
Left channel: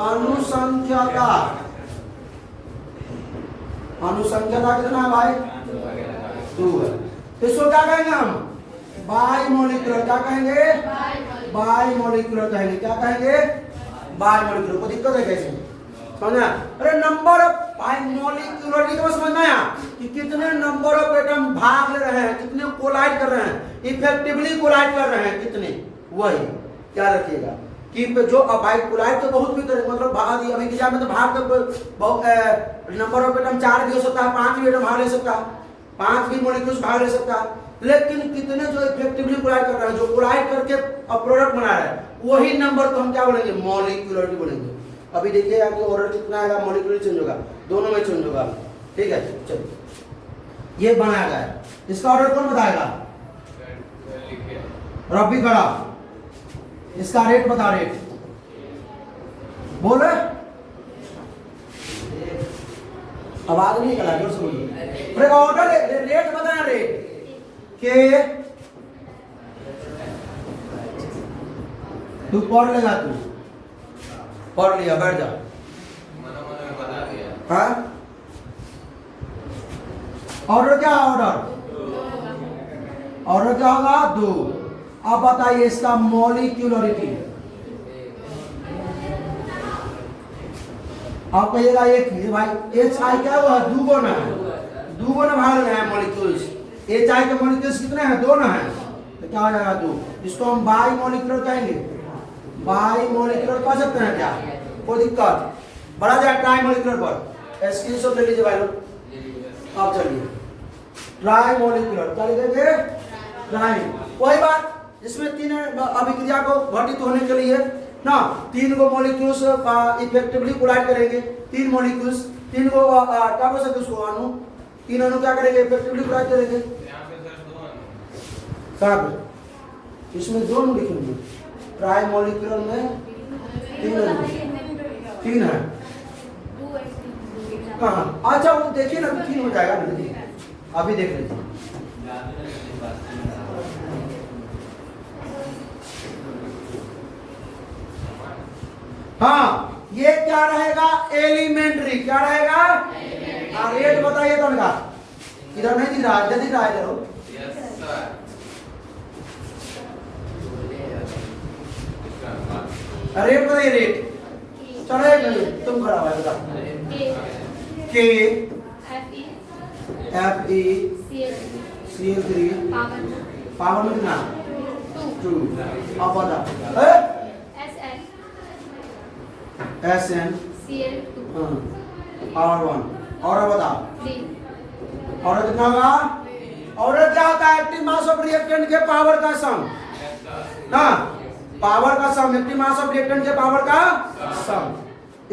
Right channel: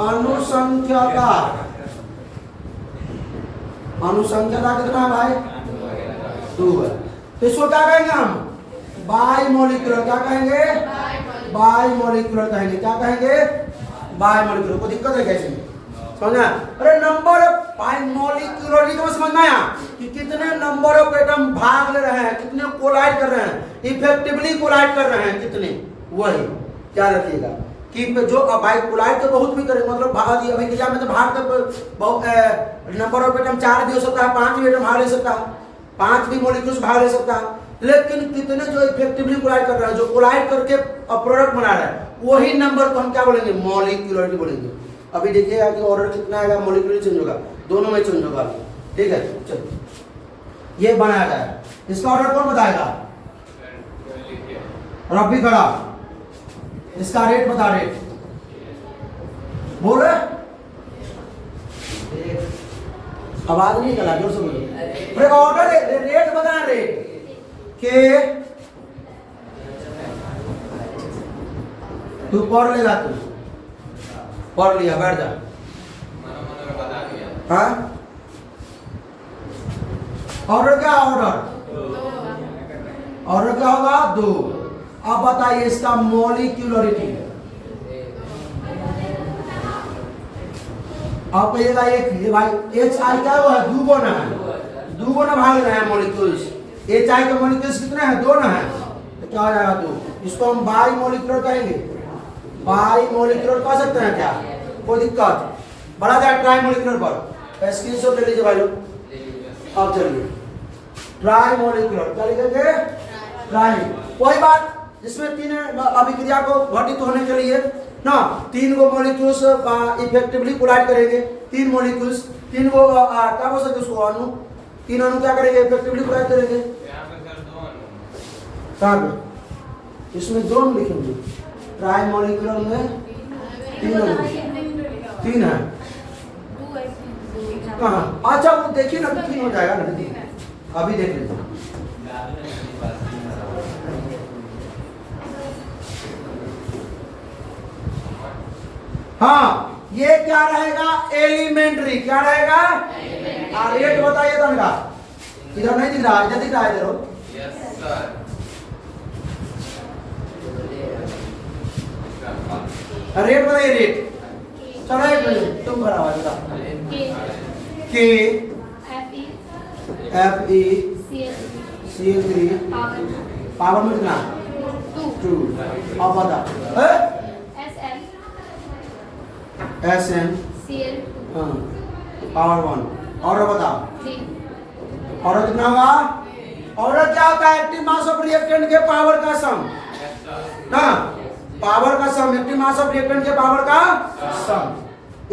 अनुसंख्यता। अनुसंख्यता कितना है भाई? 2 है। तो इसको क्या कहेंगे हम? By molecular. क्या कहेंगे? बाई मोलिकुलर कहेंगे। क्या कहेंगे? By molecular. कोई दिक्कत है कैसे? समझना? अरे नंबर ऑफ बाई मोलिकुलरिटी को समझना है कि कितने नंबर ऑफ एटम भाग ले रहे हैं, कितने कोलाइड कर रहे हैं, इफेक्टिवली कोलाइड कर रहे हैं कितने, वही क्या रखिएगा कि जो भाई कोलाइड तो बहुत भी करे, मतलब भाग अभिक्रिया में तो भाग तो बहुत नंबर ऑफ एटम 4 भी हो सकता है, 5 भी एटम भाग ले सकता है, 5 भी मॉलिक्यूल्स भाग ले सकता है, लेकिन कितने जो इफेक्टिवली कोलाइड कर रहे हैं, जो कोलाइड करके प्रोडक्ट बना रहा है, वही नंबर को हम क्या बोलेंगे? मॉलिक्यूलरिटी बोलेंगे। अभी देखिएगा कि ऑर्डर कितना आएगा, मॉलिक्यूलर चेंज होगा, दोनों में चेंज होगा, ठीक है। चलो ये बनाया गया है, इसका ऑर्डर कौन बताएगा? रब्बी खड़ा। इसका रेट बता, रेट बोले, आवाज नहीं निकला, जोर से बोलो। ऑर्डर रेट बताया, रेट के तू पढ़ लेगा, तू पढ़ लिया, बैठ जा। हाँ ऑर्डर क्या? ऑर्डर ऑर्डर क्या होगा 2। अब बताइए इसका मॉलिक्यूलरिटी। आप कहिएगा एक ये भाई एच आई क्या हुआ है 2 गुना है, 2 गुना भाग रहे हैं मॉलिक्यूल्स। एच आई के मॉलिक्यूल्स कितने हैं 2 ना है, तो क्या हो जाएगा 2। इसको हम बाई मॉलिक्यूलर कहेंगे, बाई मॉलिक्यूलर कह सकते हैं क्या, कोई दिक्कत। बढ़ा जाए ट्राई मॉलिक्यूलर पर, स्क्रीनशॉट ले लीजिए भाई लोग। अब चलिए ट्राई मॉलिक्यूलर क्या लिखेंगे, ट्राई। कोई बात जिसमें 3 अभिक्रिया को घटित होने के लिए ना 3 को मॉलिक्यूल्स इफेक्टिवली कोलाइड करेंगे। 3 मॉलिक्यूल्स 3 को क्या बोल सकते उसको अणु, 3 अणु क्या करेंगे इफेक्टिवली कोलाइड करेंगे। यहाँ पे सर 2 अणु कहाँ पे, इसमें 2 अणु लिखेंगे, ट्राई मॉलिक्यूलर में 3 अणु, 3 है कहाँ। अच्छा वो देखिए ना 3 हो जाएगा ना, अभी देख लीजिए। हाँ ये क्या रहेगा एलिमेंट्री, क्या रहेगा रेट बताइए तो इनका, इधर नहीं दिख रहा है, इधर दिख रहा है, इधर हो। यस सर रेट बताइए रेट। चलो एक मिनट तुम खड़ा हुआ बेटा। के एफ ई CL3 पावर में कितना 2। अब बता SN पावर 1 और बता और कितना होगा। और क्या होता है एक्टिव मास ऑफ रिएक्टेंट के पावर का सम ना, पावर का सम, एक्टिव मास ऑफ रिएक्टेंट के पावर का सम।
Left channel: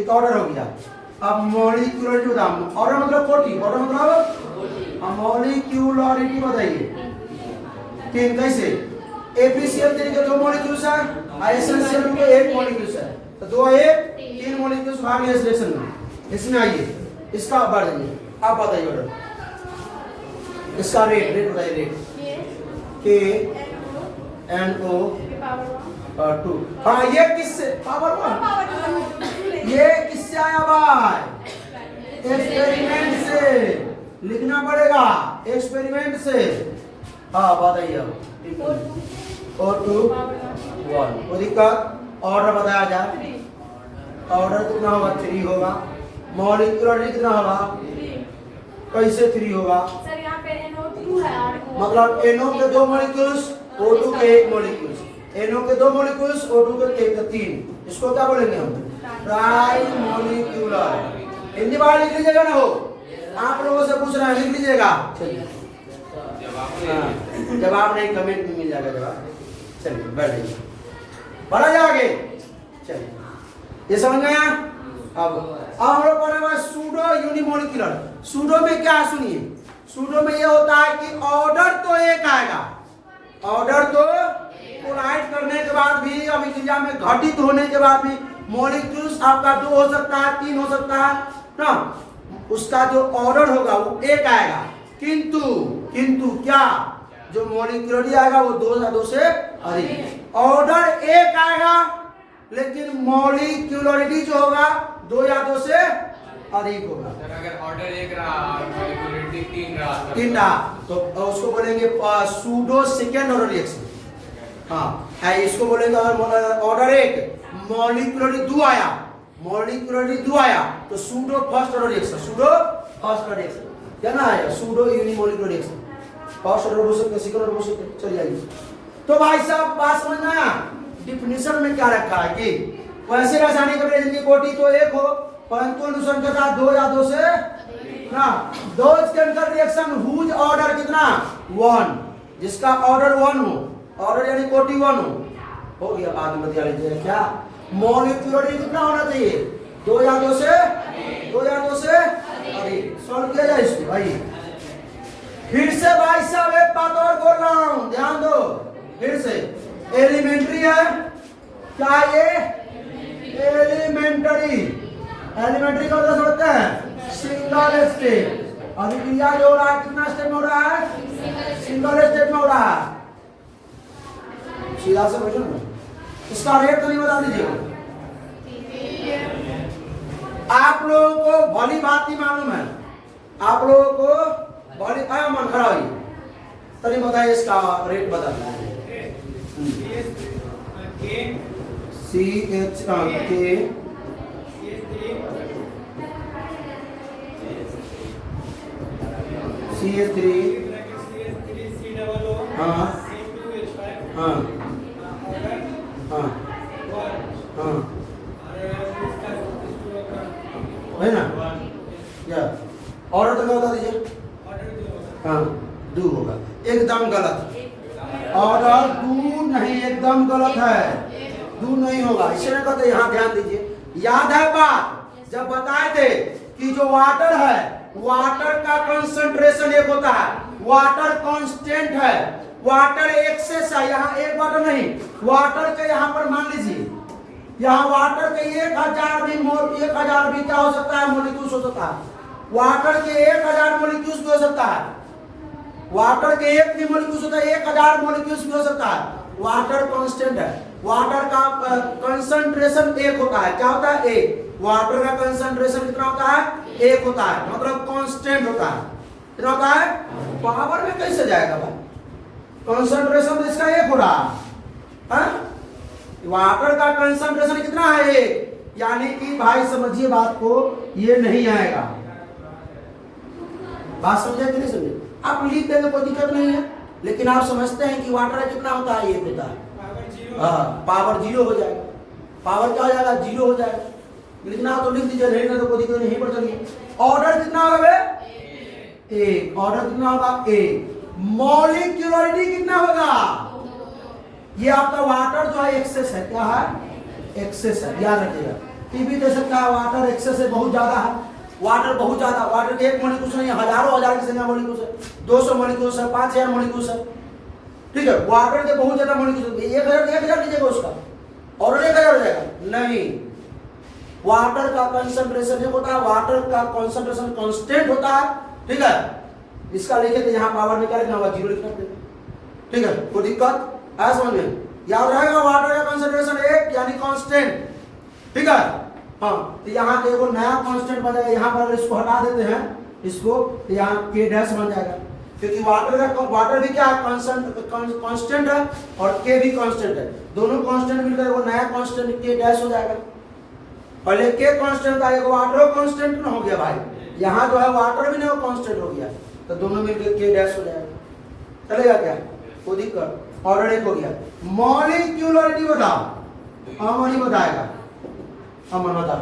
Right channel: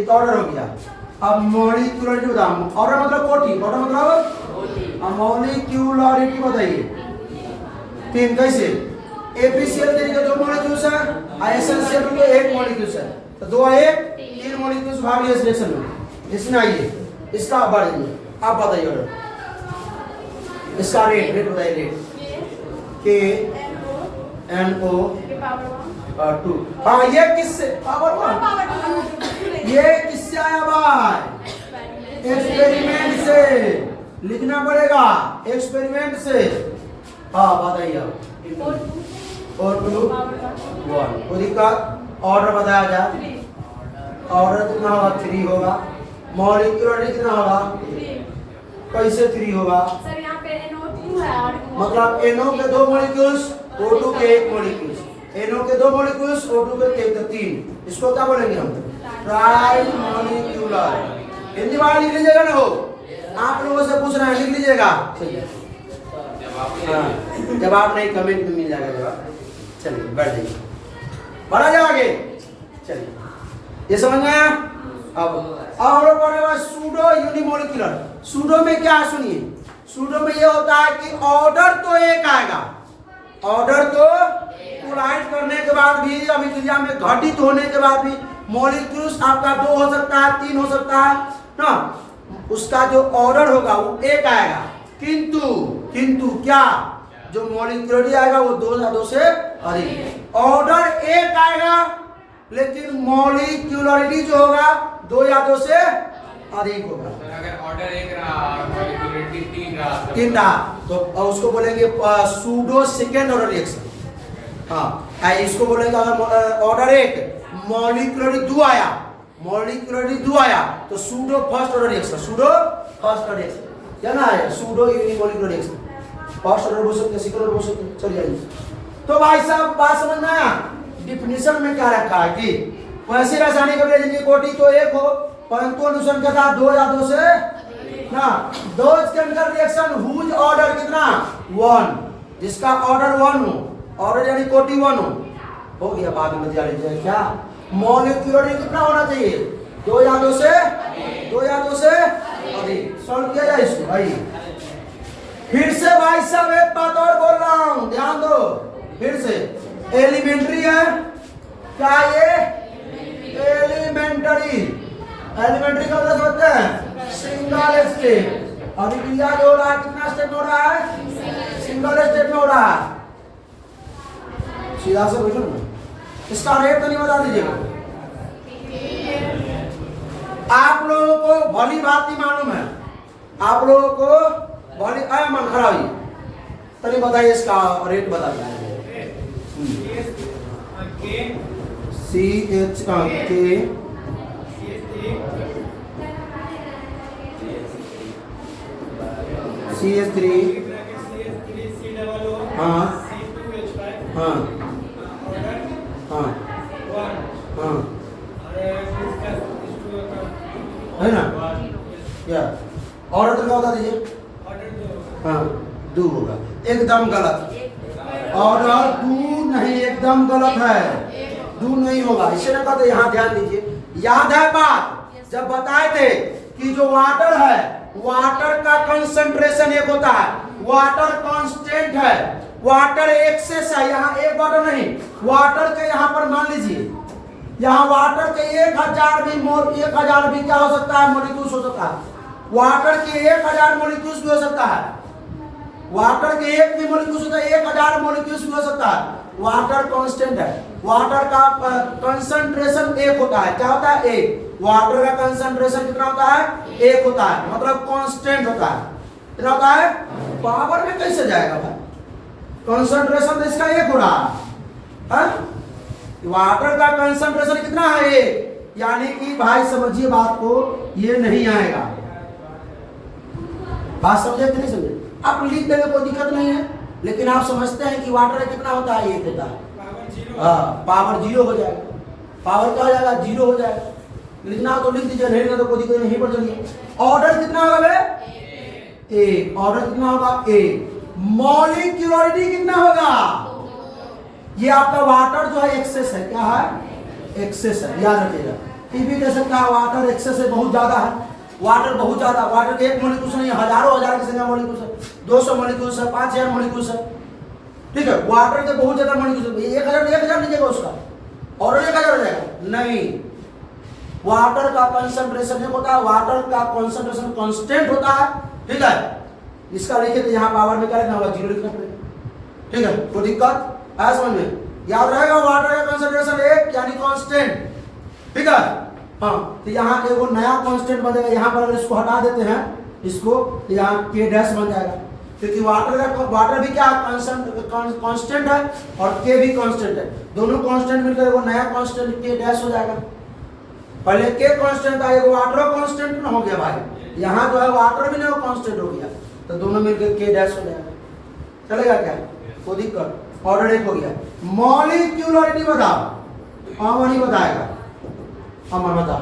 एक ऑर्डर हो गया। अब मॉलिक्यूलरिटी बताओ, ऑर्डर मतलब कोटि, ऑर्डर मतलब मॉलिक्यूलरिटी बताइए 3 कैसे। एफिशिएंट के 2 मॉलिक्यूल्स है, एसेंशियल के 1 मॉलिक्यूल्स है, तो 2 1 3 मॉलिक्यूल्स भाग लिए रिएक्शन में। इसमें आइए इसका बढ़ेंगे। आप बताइए ऑर्डर, इसका रेट बताइए रेट के NO 2। हाँ ये किससे पावर 1, ये किससे आया भाई, एक्सपेरिमेंट से लिखना पड़ेगा, एक्सपेरिमेंट से। हाँ बताइए और 2 1 कोई दिक्कत। ऑर्डर बताया जाए, ऑर्डर कितना होगा 3 होगा। मॉलिक्यूलरिटी कितना होगा, कैसे 3 होगा, मतलब NO के 2 मॉलिक्यूल्स O2 के 1 मॉलिक्यूल्स, NO के 2 मॉलिक्यूल्स O2 के 3। इसको क्या बोलेंगे हम, ट्राई मॉलिक्यूलर। हिंदी बार लिख लीजिएगा ना, हो आप लोगों से पूछ रहे हैं लिख लीजिएगा। चलिए जवाब नहीं कमेंट में मिल जाएगा जवाब। चलिए बढ़ जाइए, बढ़ा जाओगे। चलिए ये समझ में आया। अब हम लोग पढ़ने वाले सूडो यूनिमोलिकुलर। सूडो में क्या सुनिए, सूडो में ये होता है कि ऑर्डर तो एक आएगा, ऑर्डर तो कोलाइड करने के बाद भी अभिक्रिया में घटित होने के बाद भी मॉलिक्यूल्स आपका 2 हो सकता है 3 हो सकता है ना, उसका जो ऑर्डर होगा वो एक आएगा। किंतु क्या जो मॉलिक्यूलरिटी आएगा वो 2 या 2 से अधिक। ऑर्डर एक आएगा लेकिन मॉलिक्यूलरिटी जो होगा 2 या 2 से अधिक होगा। अगर ऑर्डर 1 रहा मॉलिक्यूलरिटी 3 रहा तो उसको बोलेंगे सूडो सेकेंड ऑर्डर रिएक्शन। हाँ इसको बोलेंगे अगर ऑर्डर 1 मॉलिक्यूलरिटी 2 आया, मॉलिक्यूलरिटी 2 आया तो pseudo first order reaction, pseudo first order reaction क्या ना है, pseudo unimolecular reaction. First order बोल सकते, सेकंड ऑर्डर बोल सकते। चलिए आइए तो भाई साहब बात समझ में आया। डिफिनेशन में क्या रखा है कि वैसे रासायनिक अभिक्रिया की कोटि तो 1 हो परंतु अनुसंख्यता 2 या 2 से ना, those chemical reaction whose order कितना 1, जिसका ऑर्डर 1 हो, ऑर्डर यानी कोटि 1 हो गया। बाद में बता लीजिए क्या मॉलिक्यूलरिटी कितना होना चाहिए 2 या 2 से अधिक। सॉल्व किया जाए इसको भाई। फिर से भाई साहब एक बात और बोल रहा हूं, ध्यान दो। फिर से एलिमेंट्री है क्या, ये एलिमेंट्री का मतलब समझते हैं सिंगल स्टेप। अभिक्रिया जो हो रहा है कितना स्टेप में हो रहा है, सिंगल स्टेप में हो रहा है। सीधा से बैठो ना, इसका रेट तो नहीं बता दीजिएगा। आप लोगों को भली बात नहीं मालूम है, आप लोगों को भली मन खड़ा हुई तभी बताइए इसका रेट बता दीजिए। सी एच के CH3 हाँ हाँ हाँ हाँ है ना क्या ऑर्डर तो क्या बता दीजिए। हाँ डू होगा, एकदम गलत। ऑर्डर डू नहीं, एकदम गलत है, डू नहीं होगा। इसे ना कहते, यहाँ ध्यान दीजिए। याद है बात जब बताए थे कि जो वाटर है, वाटर का कंसंट्रेशन एक होता है, वाटर कांस्टेंट है, वाटर एक्सेस है। यहाँ एक वाटर नहीं, वाटर के यहाँ पर मान लीजिए, यहाँ वाटर के 1000 भी 1000 भी क्या हो सकता है, मोलिक्यूल्स हो सकता है। वाटर के 1000 मोलिक्यूल्स भी हो सकता है, वाटर के एक भी मोलिक्यूल्स होता है, 1000 मोलिक्यूल्स भी हो सकता है। वाटर कांस्टेंट है, वाटर का कंसंट्रेशन एक होता है। क्या होता है? एक। वाटर का कंसंट्रेशन कितना होता है? एक होता है, मतलब कांस्टेंट होता है। कितना होता है? पावर में कैसे जाएगा भाई? कंसंट्रेशन तो इसका एक हो रहा है। वाटर का कंसंट्रेशन कितना है? एक। यानी कि भाई समझिए बात को, ये नहीं आएगा। बात समझे कि नहीं समझे? आप लिख देंगे कोई दिक्कत नहीं है, लेकिन आप समझते हैं कि वाटर कितना होता है? एक होता है। हाँ, पावर 0 हो जाएगा। पावर क्या हो जाएगा? 0 हो जाएगा। लिखना हो तो लिख दीजिए, नहीं तो कोई दिक्कत नहीं। पर चलिए, ऑर्डर कितना होगा बे? एक। ऑर्डर कितना होगा? एक। मॉलिक्यूलरिटी कितना होगा? ये आपका वाटर जो है एक्सेस है। क्या है? एक्सेस है, याद रखिएगा। टीबी दे सकता है, वाटर एक्सेस है, बहुत ज्यादा है। वाटर बहुत ज्यादा, वाटर के एक मोलिक्यूल्स नहीं, हजारों हजार की संख्या मोलिक्यूल्स है, 200 मोलिक्यूल्स है, 5000 मोलिक्यूल्स है। ठीक है, वाटर के बहुत ज्यादा मोलिक्यूल्स है। 1000 लीजिएगा उसका, और 1000 हो जाएगा? नहीं, वाटर का कंसंट्रेशन एक होता है, वाटर का कंसंट्रेशन कांस्टेंट होता है। ठीक है, इसका लिखे तो यहाँ पावर में क्या लिखना होगा? 0 लिखना पड़ेगा। ठीक है, कोई दिक्कत है समझ में? याद रहेगा, वाटर का कंसंट्रेशन एक यानी कांस्टेंट। ठीक है, हाँ, तो यहाँ देखो नया कांस्टेंट बन जाएगा। यहाँ पर अगर इसको हटा देते हैं, इसको, तो यहाँ के डैश बन जाएगा, क्योंकि वाटर भी क्या है? कांस्टेंट है, और के भी कांस्टेंट है। दोनों कांस्टेंट मिलकर वो नया कांस्टेंट के डैश हो जाएगा। पहले के कांस्टेंट था, एगो वाटर कांस्टेंट ना हो गया भाई। यहाँ जो है वाटर भी नहीं कांस्टेंट हो गया, तो दोनों मिलकर के डैश हो जाएगा। चलेगा क्या? कोई दिक्कत? ऑर्डर एक हो गया। मॉलिक्यूलरिटी बताओ। अमन ही बताएगा। अमन बताओ।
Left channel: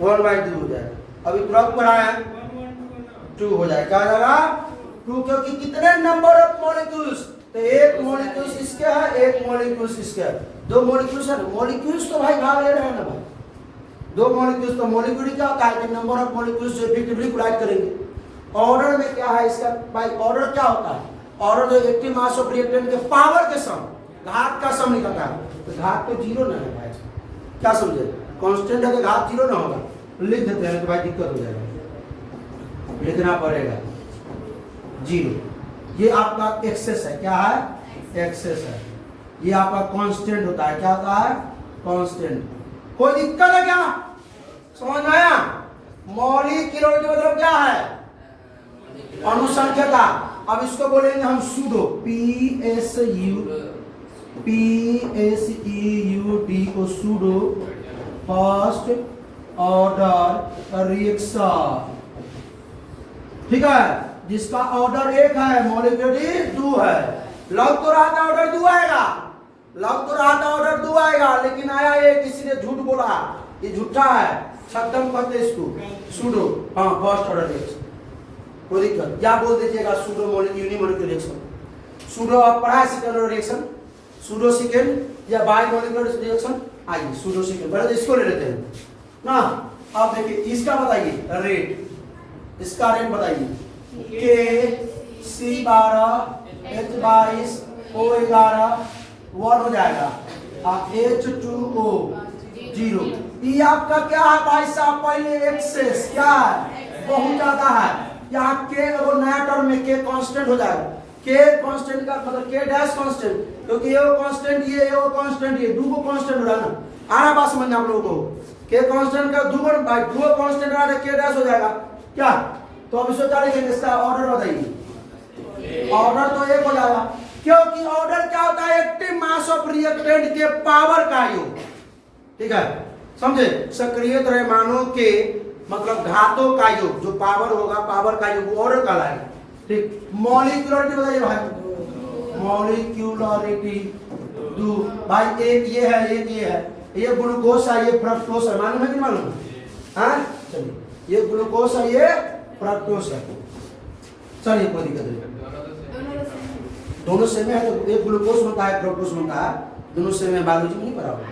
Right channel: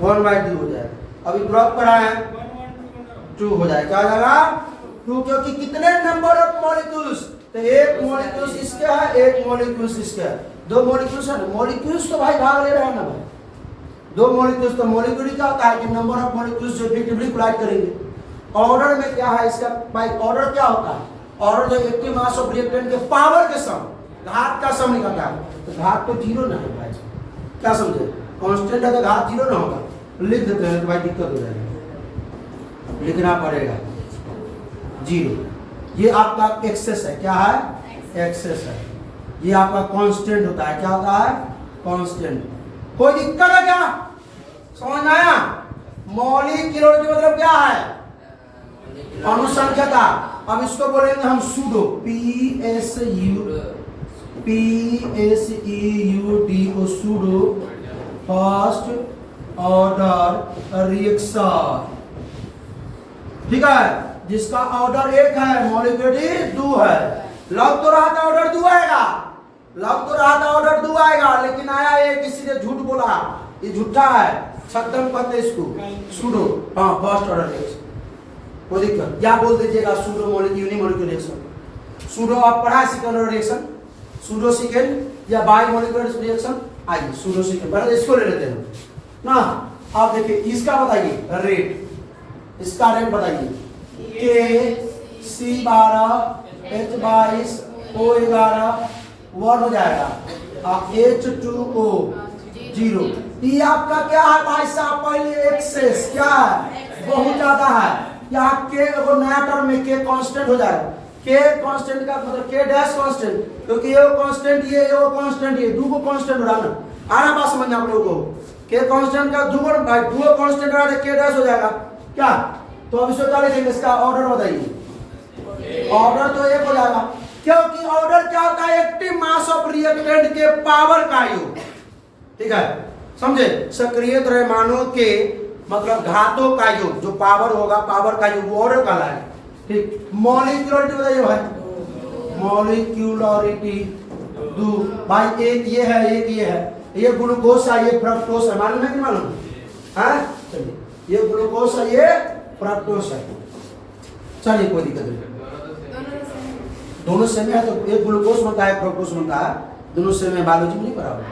1/2 हो जाएगा। अभी तुरंत पढ़ा है, 2 हो जाएगा। क्या हो जाएगा? 2, क्योंकि कितने नंबर ऑफ मॉलिक्यूल्स? तो एक मॉलिक्यूल्स इसके है, एक मॉलिक्यूल्स इसके है। 2 मॉलिक्यूल्स है। मॉलिक्यूल्स तो भाई भाग ले रहे हैं ना भाई, 2 मॉलिक्यूल्स। तो मॉलिक्यूल क्या होता है कि नंबर ऑफ मॉलिक्यूल्स जो इलेक्ट्रिकली कोलाइड करेंगे। ऑर्डर में क्या है इसका भाई? ऑर्डर क्या होता है? ऑर्डर जो एक्टिव मास ऑफ रिएक्टेंट के पावर के सम, घात का सम निकलता है। तो घात तो 0 ना है भाई, क्या समझे? कांस्टेंट है तो घात 0 ना होगा। लिख देते हैं तो भाई दिक्कत हो जाएगी, लिखना पड़ेगा 0। ये आपका एक्सेस है। क्या है? एक्सेस है। ये आपका कांस्टेंट होता है। क्या होता है? कांस्टेंट। कोई दिक्कत है क्या? समझ आया? मॉलिक्यूलरिटी मतलब क्या है? अनुसंख्यता। अब इसको बोलेंगे हम pseudo, PSEUDO, pseudo first order reaction. ठीक है, जिसका ऑर्डर 1 है, मॉलिक्यूलरिटी 2 है। लग तो रहा था ऑर्डर 2 आएगा, लग तो रहा था ऑर्डर 2 आएगा, लेकिन आया ये, किसी ने झूठ बोला। ये झूठा है, छद्म कहते इसको, सूडो। हाँ, फर्स्ट ऑर्डर रिएक्शन। कोई दिक्कत? या बोल दीजिएगा सूडो यूनिमॉलिक्यूलर रिएक्शन। सूडो आप पढ़ा है second order reaction, pseudo second या बाई मॉलिक्यूलर रिएक्शन। आइए सूडो सेकेंड पहले इसको ले लेते हैं ना। आप देखिए इसका बताइए रेट, इसका रेट बताइए। के C12 H22 O11 1 हो जाएगा, H2O 0। ये आपका क्या है भाई साहब? पहले एक्सेस क्या है? बहुत ज्यादा है। यहाँ के वो नया टर्म में के कांस्टेंट हो जाएगा। के कांस्टेंट का मतलब के डैश कांस्टेंट, क्योंकि ये कांस्टेंट, ये कांस्टेंट, ये 2 कांस्टेंट हो रहा ना। आना बात समझना आप लोगों को। के कांस्टेंट का 2 कांस्टेंट आ रहा है, के डैश हो जाएगा। क्या? तो अब इसको क्या लिखेंगे? इसका ऑर्डर बताइए। ऑर्डर तो एक हो जाएगा, क्योंकि ऑर्डर क्या होता है? एक्टिव मास ऑफ रिएक्टेंट के पावर का योग। ठीक है, समझे? सक्रिय द्रव्यमानों के मतलब घातों का योग, जो पावर होगा, पावर का योग, वो ऑर्डर कहलाएगा। ठीक, मॉलिक्यूलरिटी बताइए भाई। मॉलिक्यूलरिटी दो भाई, एक ये है, एक ये है, ये ग्लूकोज है, ये फ्रक्टोज है, मालूम है कि मालूम? हाँ, चलिए, ये ग्लूकोज है, ये फ्रक्टोज है। चलिए, कोई दिक्कत नहीं, दोनों सेम है। तो एक ग्लूकोज बनता है, फ्रक्टोज बनता है, दोनों सेम है। बायोलॉजी में नहीं पढ़ा होगा?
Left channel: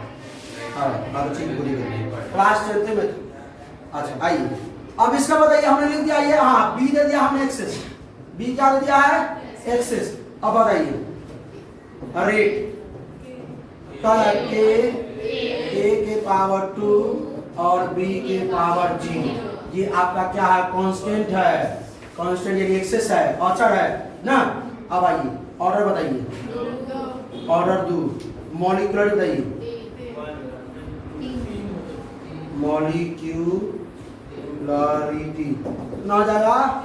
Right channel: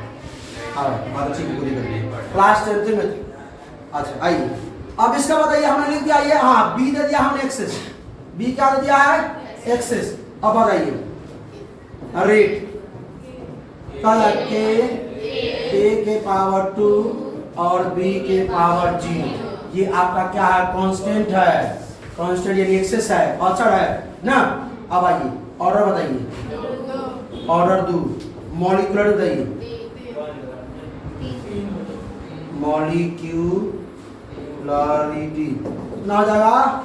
हाँ, बायोलॉजी की पूरी करनी क्लास 10th में। अच्छा, आइए अब इसका बताइए, हमने लिख दिया ये, हाँ, बी दे दिया हमने एक्सेस, बी क्या दे दिया है? एक्सेस। अब बताइए रेट ए के पावर 2 और बी के पावर 0, ये आपका क्या है? कांस्टेंट है, कांस्टेंट यानी एक्सेस है, अचर है ना। अब आइए ऑर्डर बताइए, ऑर्डर दो, मॉलिक्यूलर बताइए, मॉलिक्यूलरिटी कितना हो जाएगा?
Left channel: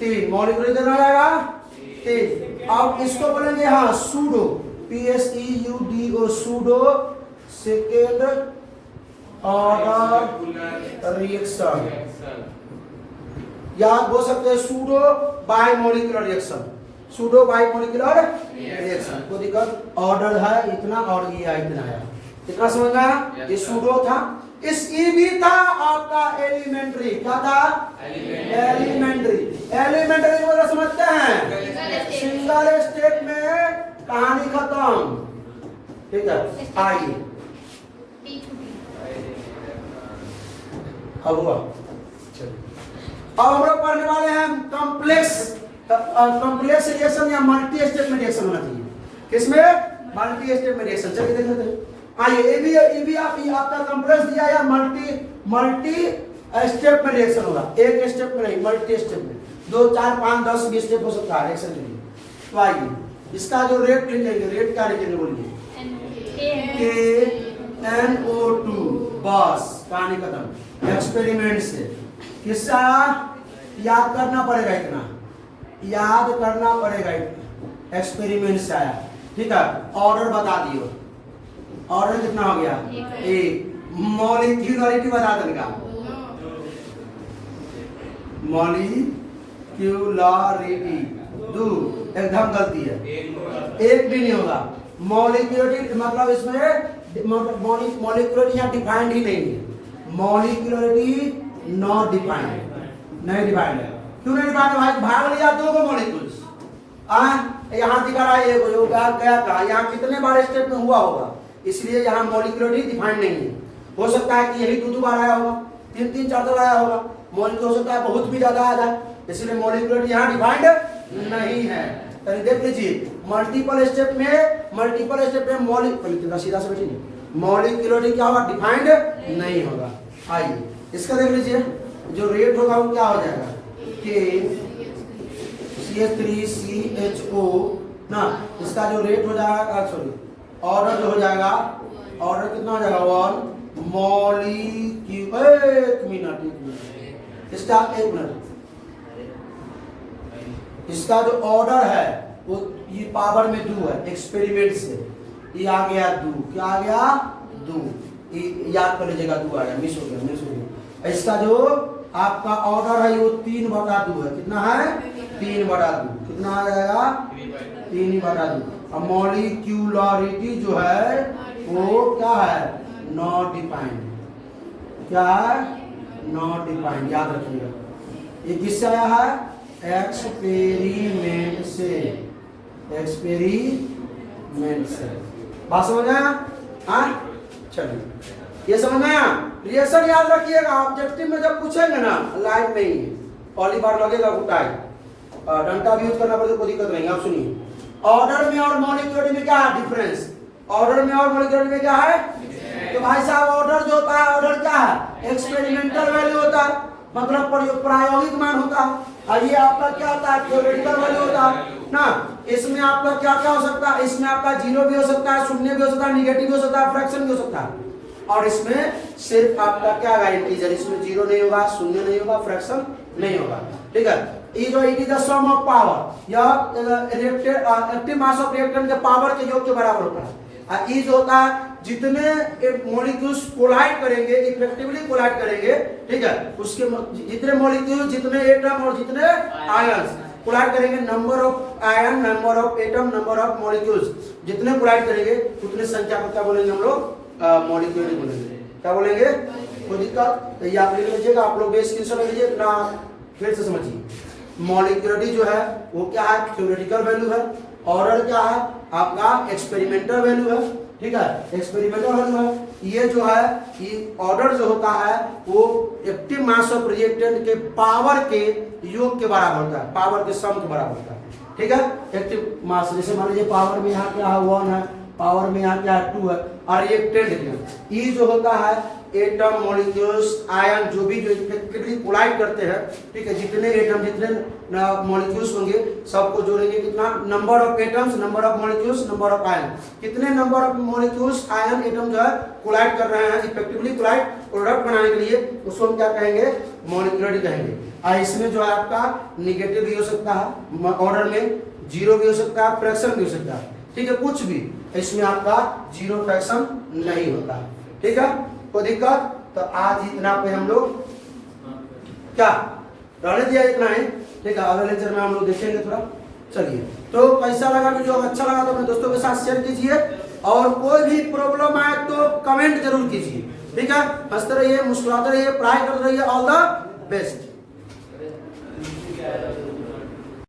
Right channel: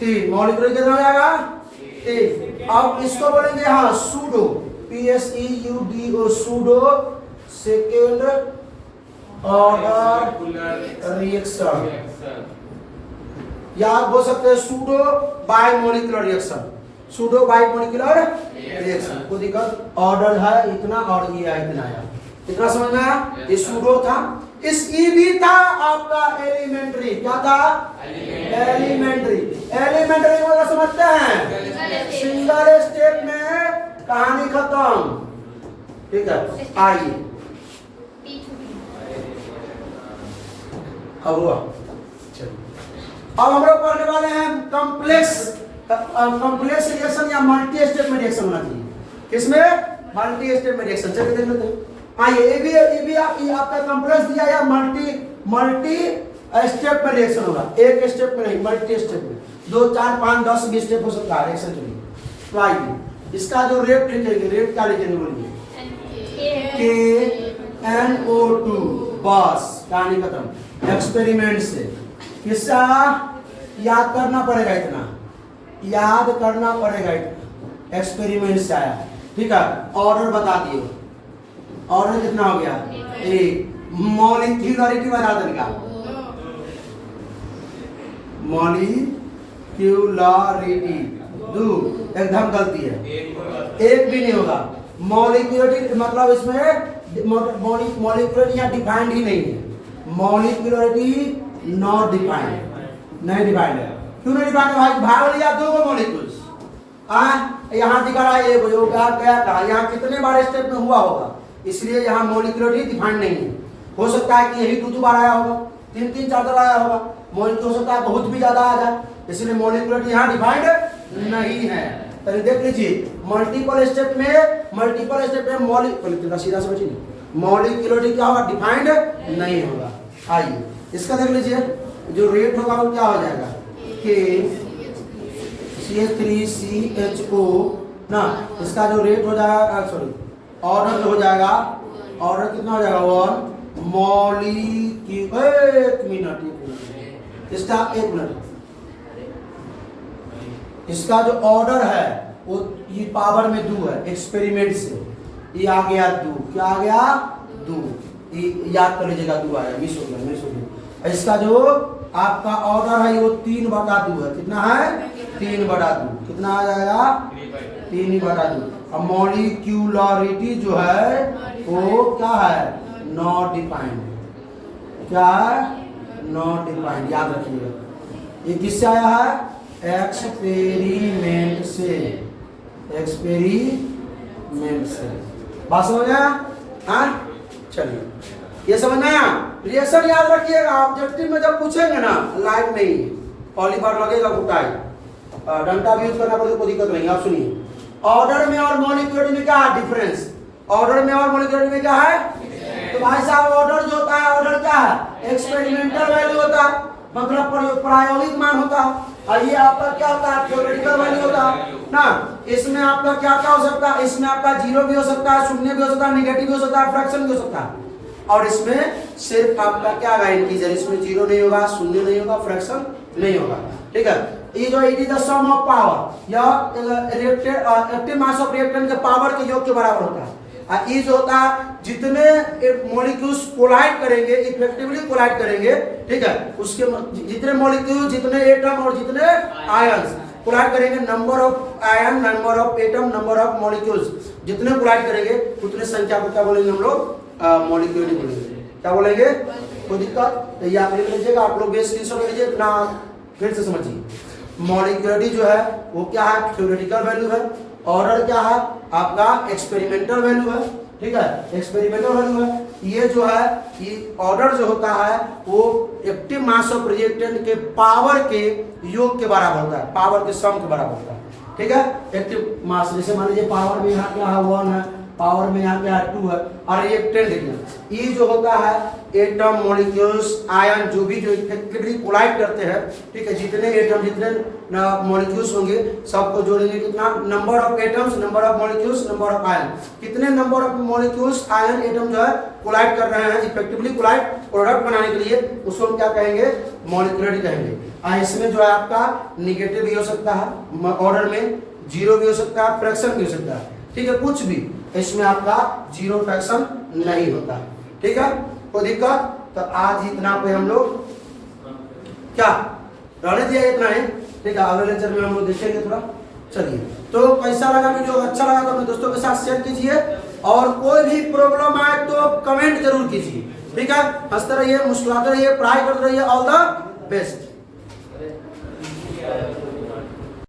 3। मॉलिक्यूलर कितना हो जाएगा? 3। अब इसको बोलेंगे हाँ pseudo, PSEUDO, pseudo second order reaction, या बोल सकते हैं pseudo bimolecular reaction, pseudo bimolecular reaction. कोई दिक्कत? ऑर्डर है इतना और ये है इतना है, कितना समझ में आया? ये सूडो था, इस ई भी था आपका एलिमेंट्री। क्या था? एलिमेंट्री। एलिमेंट्री मतलब समझते हैं, सिंगल स्टेप में कहानी खत्म। ठीक है, आइए अब हुआ। अब हम लोग पढ़ने वाले हैं कॉम्प्लेक्स रिएक्शन या मल्टी स्टेप में रिएक्शन होना चाहिए। किसमें? मल्टी स्टेप में रिएक्शन। चलिए देख लेते हैं। आइए, ये भी आपका कॉम्प्लेक्स दिया या मल्टी स्टेप में रिएक्शन होगा। एक स्टेप में नहीं, मल्टी स्टेप में 2, 4, 5, 10 भी स्टेप हो सकता है रिएक्शन के लिए। तो आइए इसका जो रेट लिखेंगे, रेट क्या लिखेंगे बोलिए? KNO2, बस कहानी खत्म। एक्सपेरिमेंट से किस्सा याद करना पड़ेगा, इतना याद करना पड़ेगा, इतना एक्सपेरिमेंट से आया। ठीक है, ऑर्डर बता दियो, ऑर्डर कितना हो गया? 1। मॉलिक्यूलरिटी बता देगा, मॉलिक्यूलरिटी 2, एकदम गलती है, एक भी नहीं होगा। मॉलिक्यूलरिटी मतलब इसमें मॉलिक्यूलरिटी यहाँ डिफाइंड ही नहीं है। मॉलिक्यूलरिटी नॉट डिफाइंड, नहीं डिफाइंड है। क्यों नहीं डिफाइंड भाई? भाग लिया 2 मॉलिक्यूल्स, यहाँ दिखा रहा है एक, क्या था यहाँ कितने बार स्टेप में हुआ होगा, इसलिए यहाँ मॉलिक्यूलरिटी डिफाइंड नहीं है। हो सकता है कि यही 2 बार आया होगा, 3, 4 बार आया होगा। मॉलिक्यूल हो सकता है बहुत भी ज्यादा आ जाए, इसलिए मॉलिक्यूलरिटी यहाँ डिफाइंड नहीं है। तो देख लीजिए, मल्टीपल स्टेप में मॉलिक्यूलर सीधा से बैठी नहीं, मॉलिक्यूलरिटी क्या होगा? डिफाइंड नहीं होगा। आइए इसका देख लीजिए, जो रेट होगा वो क्या हो जाएगा? CH3CHO ना, इसका जो रेट हो जाएगा, सॉरी ऑर्डर हो जाएगा, ऑर्डर कितना हो जाएगा? 1 मॉलिक्यूल, एक मिनट, इसका 1 मिनट, इसका जो ऑर्डर है वो ये पावर में 2 है, एक्सपेरिमेंट से ये आ गया 2, क्या आ गया? 2, ये याद कर लीजिएगा, 2 आ गया, मिस हो गया। इसका जो आपका ऑर्डर है वो 3/2 है, कितना है? 3/2, कितना आ जाएगा? 3/2। अब मॉलिक्यूलरिटी जो है वो क्या है? नॉट डिफाइंड, क्या है? नॉट डिफाइंड, याद रखिएगा। ये किससे आया है? एक्सपेरिमेंट से, एक्सपेरिमेंट से। बात समझ आया? हाँ, चलिए ये समझ आया। रिएक्शन याद रखिएगा, ऑब्जेक्टिव में जब पूछेंगे ना, लाइन नहीं, पॉलीबार लगेगा, घुटाई, डंडा भी यूज करना पड़ेगा, कोई दिक्कत नहीं। आप सुनिए, ऑर्डर में और मॉलिक्यूलरिटी में क्या है डिफरेंस? ऑर्डर में और मॉलिक्यूलरिटी में क्या है? तो भाई साहब, ऑर्डर जो होता है, ऑर्डर क्या है? एक्सपेरिमेंटल वैल्यू होता है, मतलब प्रायोगिक मान होता है। और ये आपका क्या होता है? थ्योरेटिकल वैल्यू होता है ना। इसमें आपका क्या क्या हो सकता है? इसमें आपका 0 भी हो सकता है, शून्य भी हो सकता है, निगेटिव भी हो सकता है, फ्रैक्शन भी हो सकता है। और इसमें सिर्फ आपका क्या गाइड कीजिए, इसमें 0 नहीं होगा, शून्य नहीं होगा, फ्रैक्शन नहीं होगा। ठीक है, ये जो it is the sum of power, यह एक्टिव मास ऑफ रिएक्टेंट के पावर के योग के बराबर होता है। ई जो होता है जितने मॉलिक्यूल्स कोलाइड करेंगे, इफेक्टिवली कोलाइड करेंगे, ठीक है, उसके जितने मॉलिक्यूल, जितने एटम और जितने आयंस कोलाइड करेंगे, number of ion, number of atom, number of molecules जितने कोलाइड करेंगे उतने संख्या को क्या बोलेंगे हम लोग? मॉलिक्यूल बोलेंगे। क्या बोलेंगे? कोई दिक्कत? तो याद रख लीजिएगा आप लोग, बेस स्क्रीनशॉट लीजिए, इतना फिर से समझिए। मॉलिक्यूलरिटी जो है वो क्या है? थ्योरेटिकल वैल्यू है। ऑर्डर क्या है? आपका एक्सपेरिमेंटल वैल्यू है, ठीक है, एक्सपेरिमेंटल वैल्यू है। ये जो है ये ऑर्डर जो होता है वो एक्टिव मास ऑफ रिएक्टेंट के पावर के योग के बराबर होता है, पावर के सम के बराबर होता है, ठीक है। एक्टिव मास जैसे मान लीजिए पावर में यहाँ क्या है? 1 है, पावर में यहाँ क्या है? 2 है। और रिएक्टेंट ये जो होता है एटम, मॉलिक्यूल्स, आयन जो भी जो इफेक्टिवली कोलाइड करते हैं, ठीक है, जितने एटम, जितने मॉलिक्यूल्स होंगे सबको जोड़ेंगे कितना? Number of atoms, number of molecules, number of ion. कितने number of molecules, ion, atom जो है कोलाइड कर रहे हैं इफेक्टिवली कोलाइड प्रोडक्ट बनाने के लिए, उसको हम क्या कहेंगे? मॉलिक्यूलरिटी कहेंगे। और इसमें जो है आपका निगेटिव भी हो सकता है, ऑर्डर में 0 भी हो सकता है, फ्रैक्शन भी हो सकता है, ठीक है, कुछ भी। इसमें आपका 0 फ्रैक्शन नहीं होता है, ठीक है। कोई दिक्कत? तो आज इतना पे हम लोग क्या रहने दिया, इतना है, ठीक है। अगले लेक्चर में हम लोग देखेंगे थोड़ा। चलिए, तो कैसा लगा वीडियो? अच्छा लगा तो अपने दोस्तों के साथ शेयर कीजिए, और कोई भी प्रॉब्लम आए तो कमेंट जरूर कीजिए, ठीक है। हंसते रहिए, मुस्कुराते रहिए, पढ़ाई करते रहिए। All the best.